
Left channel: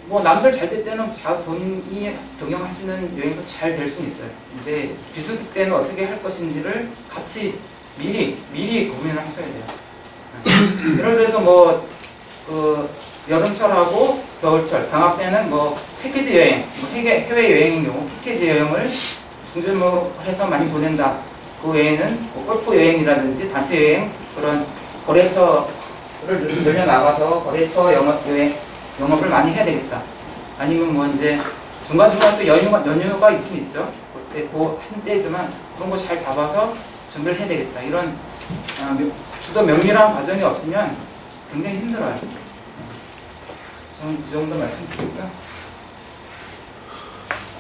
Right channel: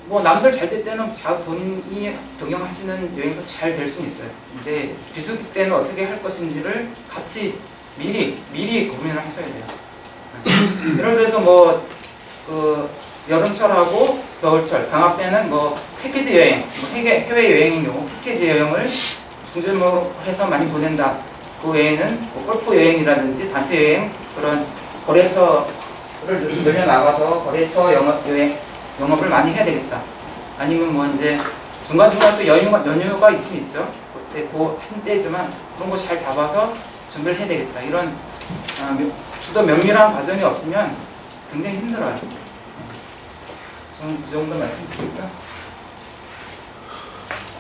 뭐 남들 잘 될 때는 본인이 경영하시는 여행사 잘 될 수는 있어요. 근데 비수기 때는 어떻게 할 것인지를 같이 미리 고민을 하셔야 돼요. 예를 들어서 뭐 여름철하고 겨울철 방학 때는 뭐 패키지 여행, 해외 여행의 경우 패키지 여행을 중점으로 해서 많이 보낸다. 그 외에는 뭐 골프 여행이라든지 단체 여행 그런 거래처를 늘려 나가서 거래처 영업을 많이 해야 되겠다. 아니면 뭐 이제 중간중간 또 연휴가 있긴 있죠. 그때 한때지만 그런 거 잘 잡아서 준비를 해야 되겠다. 이런 주도 면밀한 과정이 없으면 굉장히 힘들어요. 저는 이 정도 말씀드리고요.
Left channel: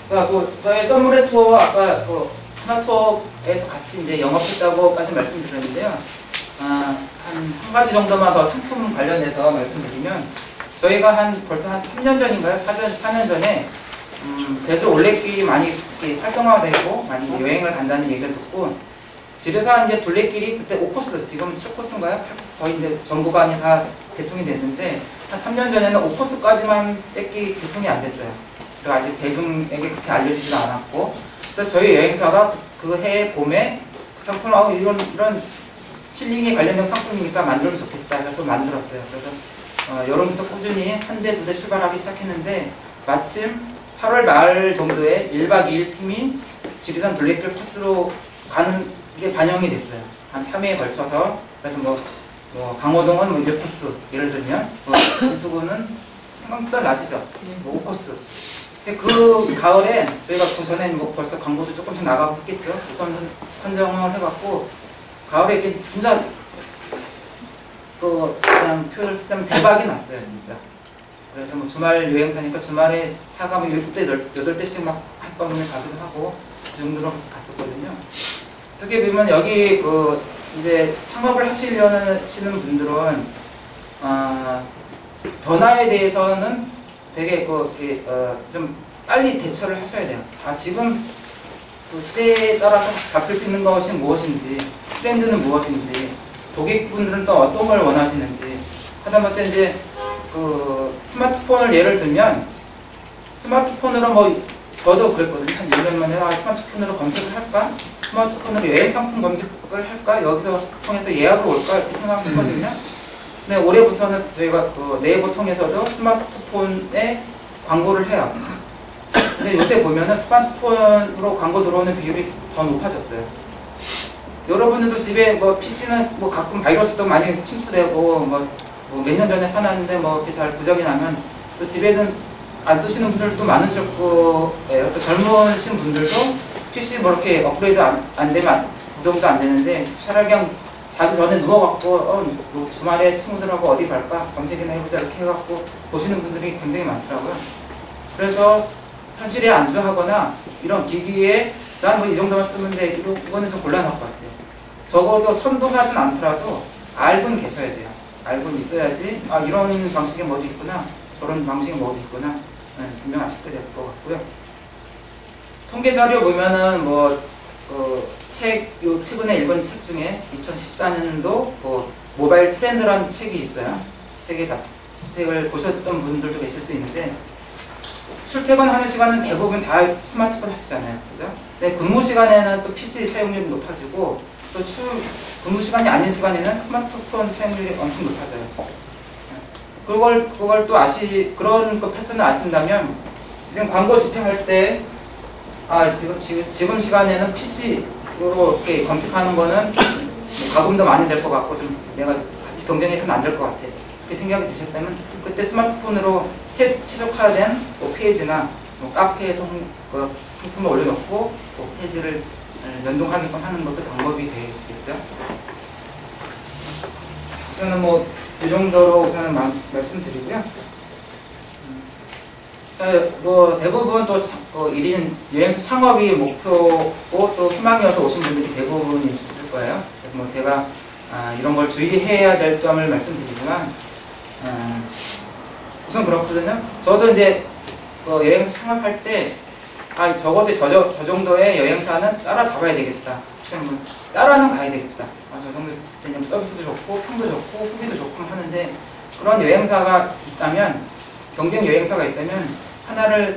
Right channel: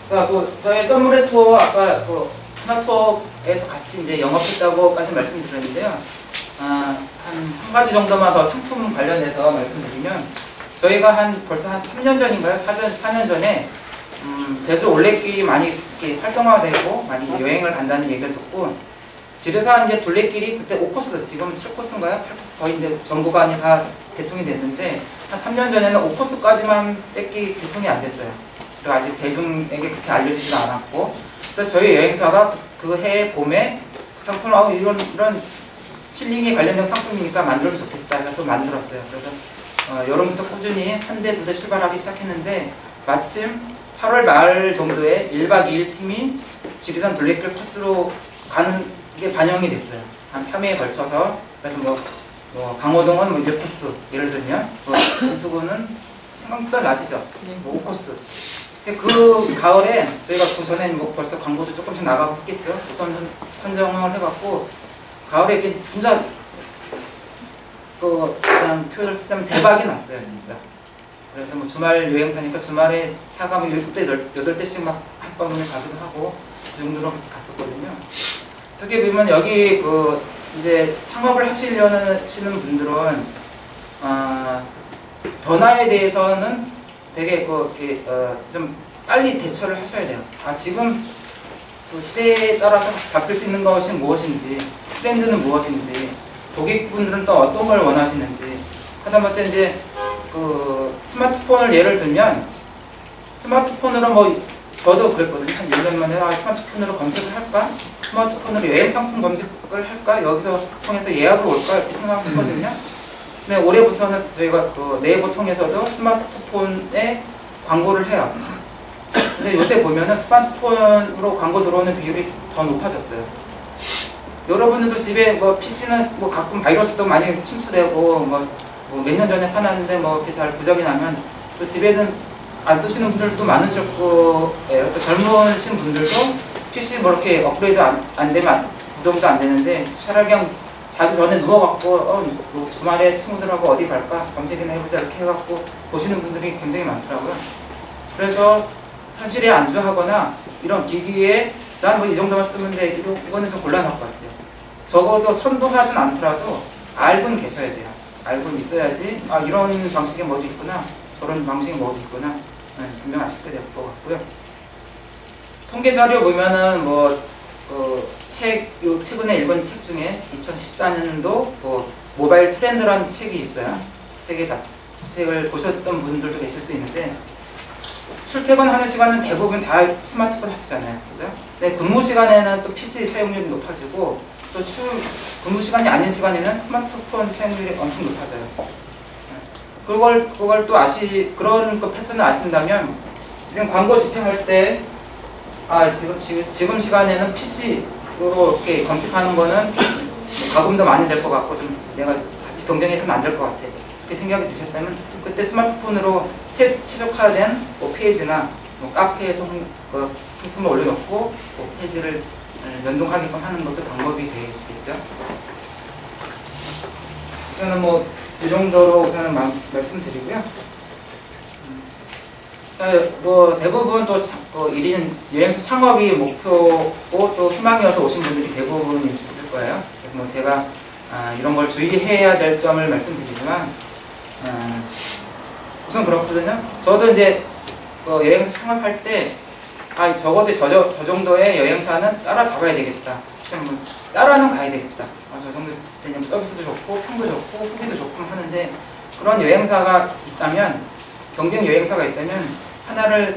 자, 저희 썸브레 투어 아까 하나투어에서 같이 이제 영업했다고까지 말씀드렸는데요. 한 가지 정도만 더 상품 관련해서 말씀드리면 저희가 벌써 한 3년 전인가요? 4년 전에 제주 올레길이 많이 이렇게 활성화되고 많이 여행을 간다는 얘기를 듣고 지리산 이제 둘레길이 그때 5코스, 지금은 7코스인가요? 8코스 거의 이제 전 구간이 다 개통이 됐는데 한 3년 전에는 5코스까지만 뺏기 개통이 안 됐어요. 그리고 아직 대중에게 그렇게 알려지지도 않았고 그래서 저희 여행사가 그 해 봄에 그 상품을 이런 힐링에 관련된 상품이니까 만들면 좋겠다 해서 만들었어요. 그래서 여름부터 꾸준히 한 대, 두 대 출발하기 시작했는데 마침 8월 말 정도에 1박 2일 팀이 지리산 둘레길 코스로 가는 게 반영이 됐어요. 한 3회에 걸쳐서. 그래서 뭐 강호동은 뭐 1코스 예를 들면 이수구는 생각보다 나시죠? 뭐 5코스. 근데 그 가을에 저희가 그 전에 뭐 벌써 광고도 조금씩 나가고 했겠죠. 우선 선정을 해갖고 가을에 이렇게 진짜 그냥 표현을 쓰자면 대박이 났어요, 진짜. 그래서 뭐 주말 여행사니까 주말에 차가 뭐 7대, 8대씩 막 한꺼번에 가기도 하고 그 정도로 갔었거든요. 어떻게 보면 여기 이제 창업을 하시려는 분들은 변화에 대해서는 되게 좀 빨리 대처를 하셔야 돼요. 지금 그 시대에 따라서 바뀔 수 있는 것이 무엇인지, 트렌드는 무엇인지, 고객분들은 또 어떤 걸 원하시는지. 하다못해 이제 스마트폰을 예를 들면 스마트폰으로 뭐 저도 그랬거든요. 한 1년 만에 스마트폰으로 검색을 할까? 스마트폰으로 여행 상품 검색을 할까? 여기서 통해서 예약을 올까? 이렇게 생각했거든요. 근데 올해부터는 저희가 네이버 통해서도 스마트폰에 광고를 해요. 근데 요새 보면은 스마트폰으로 광고 들어오는 비율이 더 높아졌어요. 여러분들도 집에 뭐 PC는 뭐 가끔 바이러스도 많이 침투되고 뭐 몇 년 전에 사놨는데 뭐 이렇게 잘 부작이 나면 또 집에는 안 쓰시는 분들도 많으실 거예요. 또 젊으신 분들도 PC 뭐 이렇게 업그레이드 안 되면 구동도 안 되는데 차라리 그냥 자기 전에 누워갖고 뭐 주말에 친구들하고 어디 갈까 검색이나 해보자 이렇게 해갖고 보시는 분들이 굉장히 많더라고요. 그래서 현실에 안주하거나 이런 기기에 난 뭐 이 정도만 쓰면 돼 이거는 좀 곤란할 것 같아요. 적어도 선도하진 않더라도 알고는 계셔야 돼요. 알고 있어야지 이런 방식의 뭐도 있구나 저런 방식의 뭐도 있구나 분명 아실 것 같고요. 통계 자료 보면은 최근에 읽은 책 중에 2014년도 뭐 모바일 트렌드라는 책이 있어요. 책을 보셨던 분들도 계실 수 있는데, 출퇴근하는 시간은 대부분 다 스마트폰 하시잖아요. 그죠? 근데 근무 시간에는 또 PC 사용률이 높아지고, 또 근무 시간이 아닌 시간에는 스마트폰 사용률이 엄청 높아져요. 그걸 또 그런 그 패턴을 아신다면, 이런 광고 집행할 때, 지금 시간에는 PC로 이렇게 검색하는 거는 가금도 많이 될 것 같고, 좀 내가 같이 경쟁해서는 안 될 것 같아. 그렇게 생각이 드셨다면, 그때 스마트폰으로 최적화된 뭐 페이지나 뭐 카페에서 상품을 올려놓고 뭐 페이지를 연동하게끔 하는 것도 방법이 되시겠죠. 우선은 뭐 이 정도로 우선은 말씀드리고요. 자, 뭐 대부분 또 1인 여행사 창업이 목표고 또 희망이어서 오신 분들이 대부분일 거예요. 그래서 뭐 제가 이런 걸 주의해야 될 점을 말씀드리지만, 우선 그렇거든요. 저도 이제 여행사 창업할 때 적어도 저 정도의 여행사는 따라잡아야 되겠다. 뭐 따라는 가야 되겠다. 저 정도 되면 서비스도 좋고 평도 좋고 후기도 좋고 하는데, 그런 여행사가 있다면, 경쟁 여행사가 있다면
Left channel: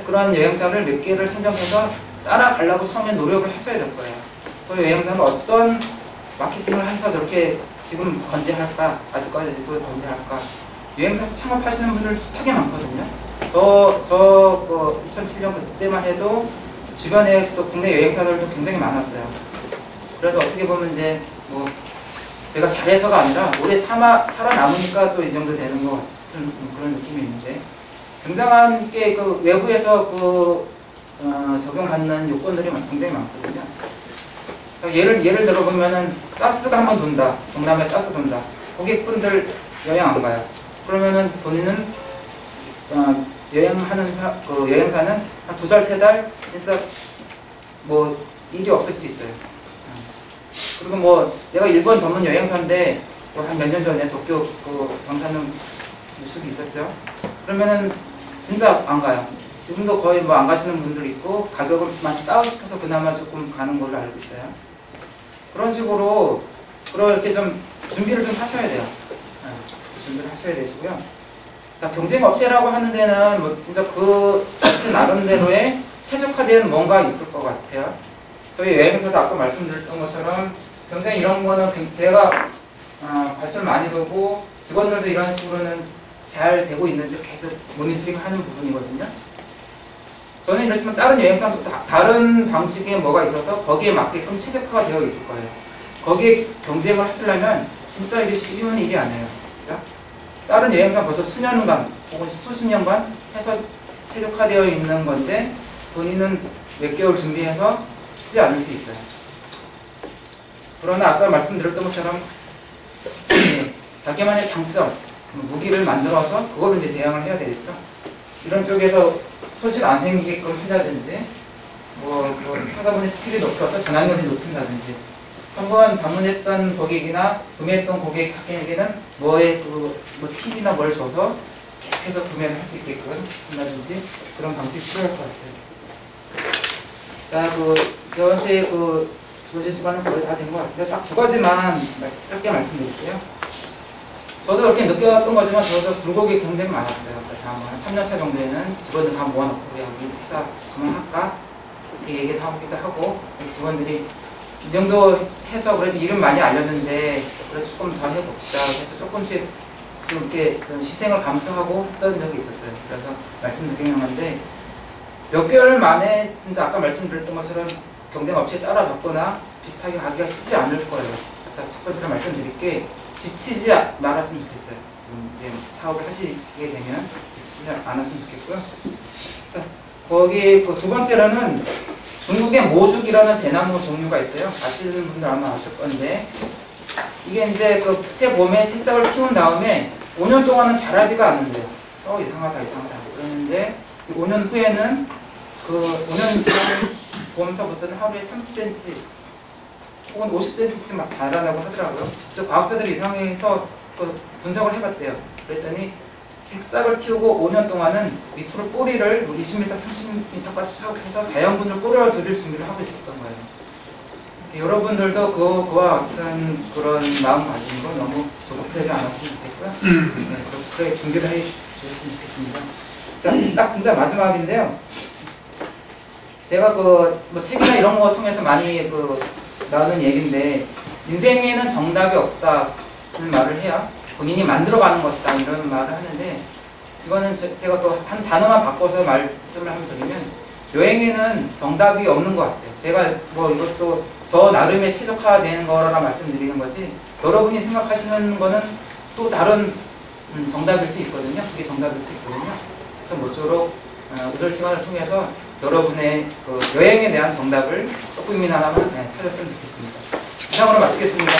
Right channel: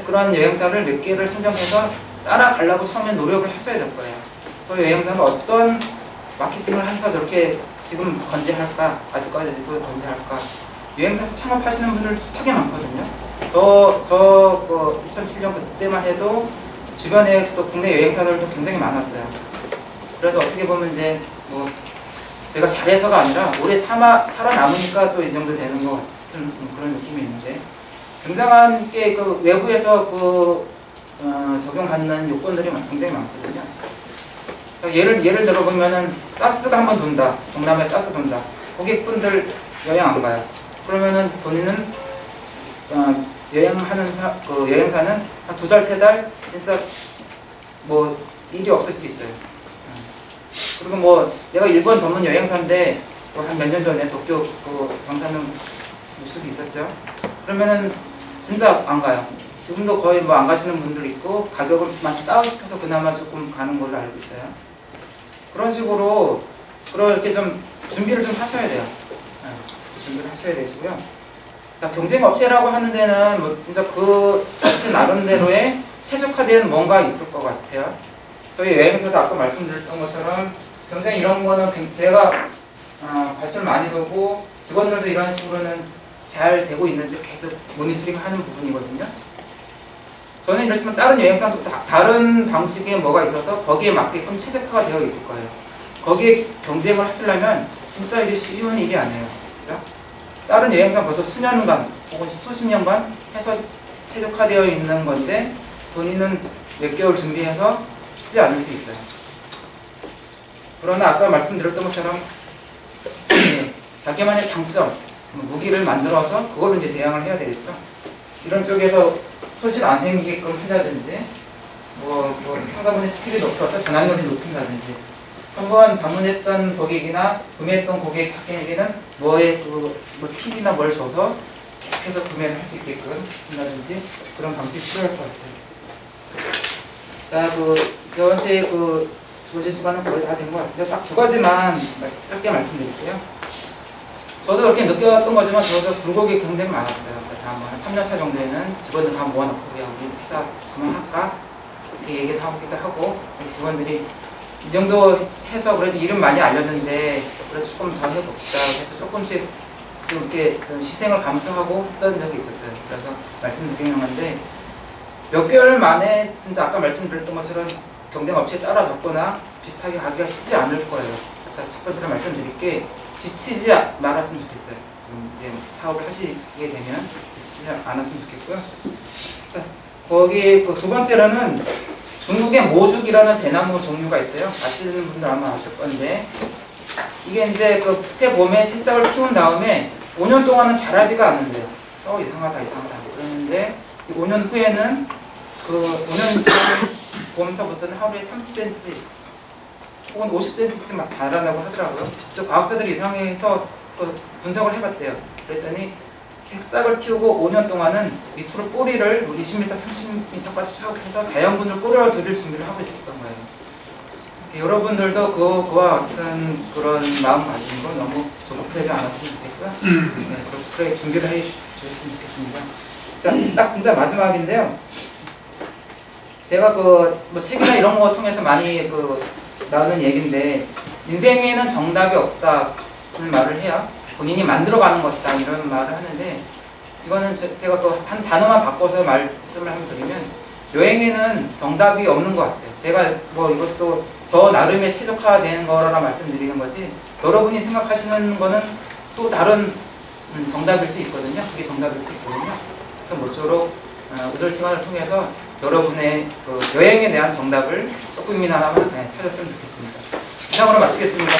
그런 여행사를 몇 개를 선정해서 따라가려고 처음에 노력을 하셔야 될 거예요. 그 여행사는 어떤 마케팅을 해서 저렇게 지금 건재할까, 아직까지도 건재할까. 여행사 창업하시는 분들 숱하게 많거든요. 2007년 그때만 해도 주변에 또 국내 여행사들도 굉장히 많았어요. 그래도 어떻게 보면 이제 뭐 제가 잘해서가 아니라 오래 살아남으니까 또 이 정도 되는 것 같은 그런 느낌이 있는데, 굉장한 게 그 외부에서 적용받는 요건들이 굉장히 많거든요. 예를 들어보면은 사스가 한번 돈다. 동남아에 사스 돈다. 고객분들 여행 안 가요. 그러면은 본인은 여행하는 여행사는 한 2달, 3달 진짜 뭐 일이 없을 수도 있어요. 그리고 뭐 내가 일본 전문 여행사인데 한 몇 년 전에 도쿄 방사능 뉴스도 있었죠. 그러면은 진짜 안 가요. 지금도 거의 뭐 안 가시는 분들 있고, 가격을 많이 다운시켜서 그나마 조금 가는 걸로 알고 있어요. 그런 식으로 그렇게 좀 준비를 좀 하셔야 돼요. 준비를 하셔야 되시고요. 경쟁 업체라고 하는 데는 뭐 진짜 그 업체 나름대로의 최적화된 뭔가 있을 것 같아요. 저희 여행사도 아까 말씀드렸던 것처럼 굉장히 이런 거는 제가 발전을 많이 두고 직원들도 이런 식으로는 잘 되고 있는지 계속 모니터링 하는 부분이거든요. 저는 이렇지만 다른 여행사도 다른 방식의 뭐가 있어서 거기에 맞게끔 최적화가 되어 있을 거예요. 거기에 경쟁을 하시려면 진짜 이게 쉬운 일이 아니에요. 그렇죠? 다른 여행사 벌써 수년간 혹은 수십 년간 해서 최적화되어 있는 건데, 본인은 몇 개월 준비해서 쉽지 않을 수 있어요. 그러나 아까 말씀드렸던 것처럼 자기만의 장점, 무기를 만들어서 그걸로 이제 대응을 해야 되겠죠. 이런 쪽에서 소실 안 생기게끔 한다든지, 상가분의 스킬이 높여서 전환율을 높인다든지, 한번 방문했던 고객이나 구매했던 고객에게는 뭐 팁이나 뭘 줘서 계속해서 구매를 할 수 있게끔 한다든지, 그런 방식이 필요할 것 같아요. 자, 저한테 주어진 시간은 거의 다 된 것 같은데, 딱 2가지만 짧게 말씀드릴게요. 저도 이렇게 느꼈던 거지만, 저도 굴곡이 굉장히 많았어요. 그래서 한 3년차 정도에는 직원들 다 모아놓고, 우리 회사 그만할까? 이렇게 얘기를 하기도 하고, 직원들이 이 정도 해서 그래도 이름 많이 알렸는데, 그래도 조금 더 해봅시다. 그래서 조금씩 좀 이렇게 좀 희생을 감수하고 했던 적이 있었어요. 그래서 말씀드리는 건데, 몇 개월 만에 진짜 아까 말씀드렸던 것처럼 경쟁 업체에 따라잡거나 비슷하게 가기가 쉽지 않을 거예요. 그래서 첫 번째로 말씀드릴 게, 지치지 말았으면 좋겠어요. 지금 이제 사업을 하시게 되면 지치지 않았으면 좋겠고요. 거기 2번째로는 중국의 모죽이라는 대나무 종류가 있대요. 아시는 분들 아마 아실 건데, 이게 이제 새 봄에 새싹을 키운 다음에 5년 동안은 자라지가 않는데요. 그래서 이상하다 그러는데, 5년 후에는 5년 봄서부터는 하루에 30cm 혹은 50cm씩 막 자라나고 하더라고요. 또 과학자들이 이상해서 분석을 해봤대요. 그랬더니 새싹을 틔우고 5년 동안은 밑으로 뿌리를 20m, 30m까지 쭉 해서 자연분을 뿌려드릴 준비를 하고 있었던 거예요. 여러분들도 그와 같은 그런 마음 가지고 너무 조급하지 않았으면 좋겠고요. 네, 그렇게 준비를 해 주셨으면 좋겠습니다. 자, 딱 진짜 마지막인데요. 제가 뭐 책이나 이런 거 통해서 많이 나오는 얘기인데, 인생에는 정답이 없다는 말을 해야 본인이 만들어가는 것이다 이런 말을 하는데, 이거는 제가 또 한 단어만 바꿔서 말씀을 한번 드리면, 여행에는 정답이 없는 것 같아요. 제가 뭐 이것도 저 나름의 최적화된 거라 말씀드리는 거지, 여러분이 생각하시는 거는 또 다른 정답일 수 있거든요. 그게 정답일 수 있거든요. 그래서 모쪼록 오늘 시간을 통해서 여러분의 여행에 대한 정답을 조금이나마 찾았으면 좋겠습니다. 이상으로 마치겠습니다.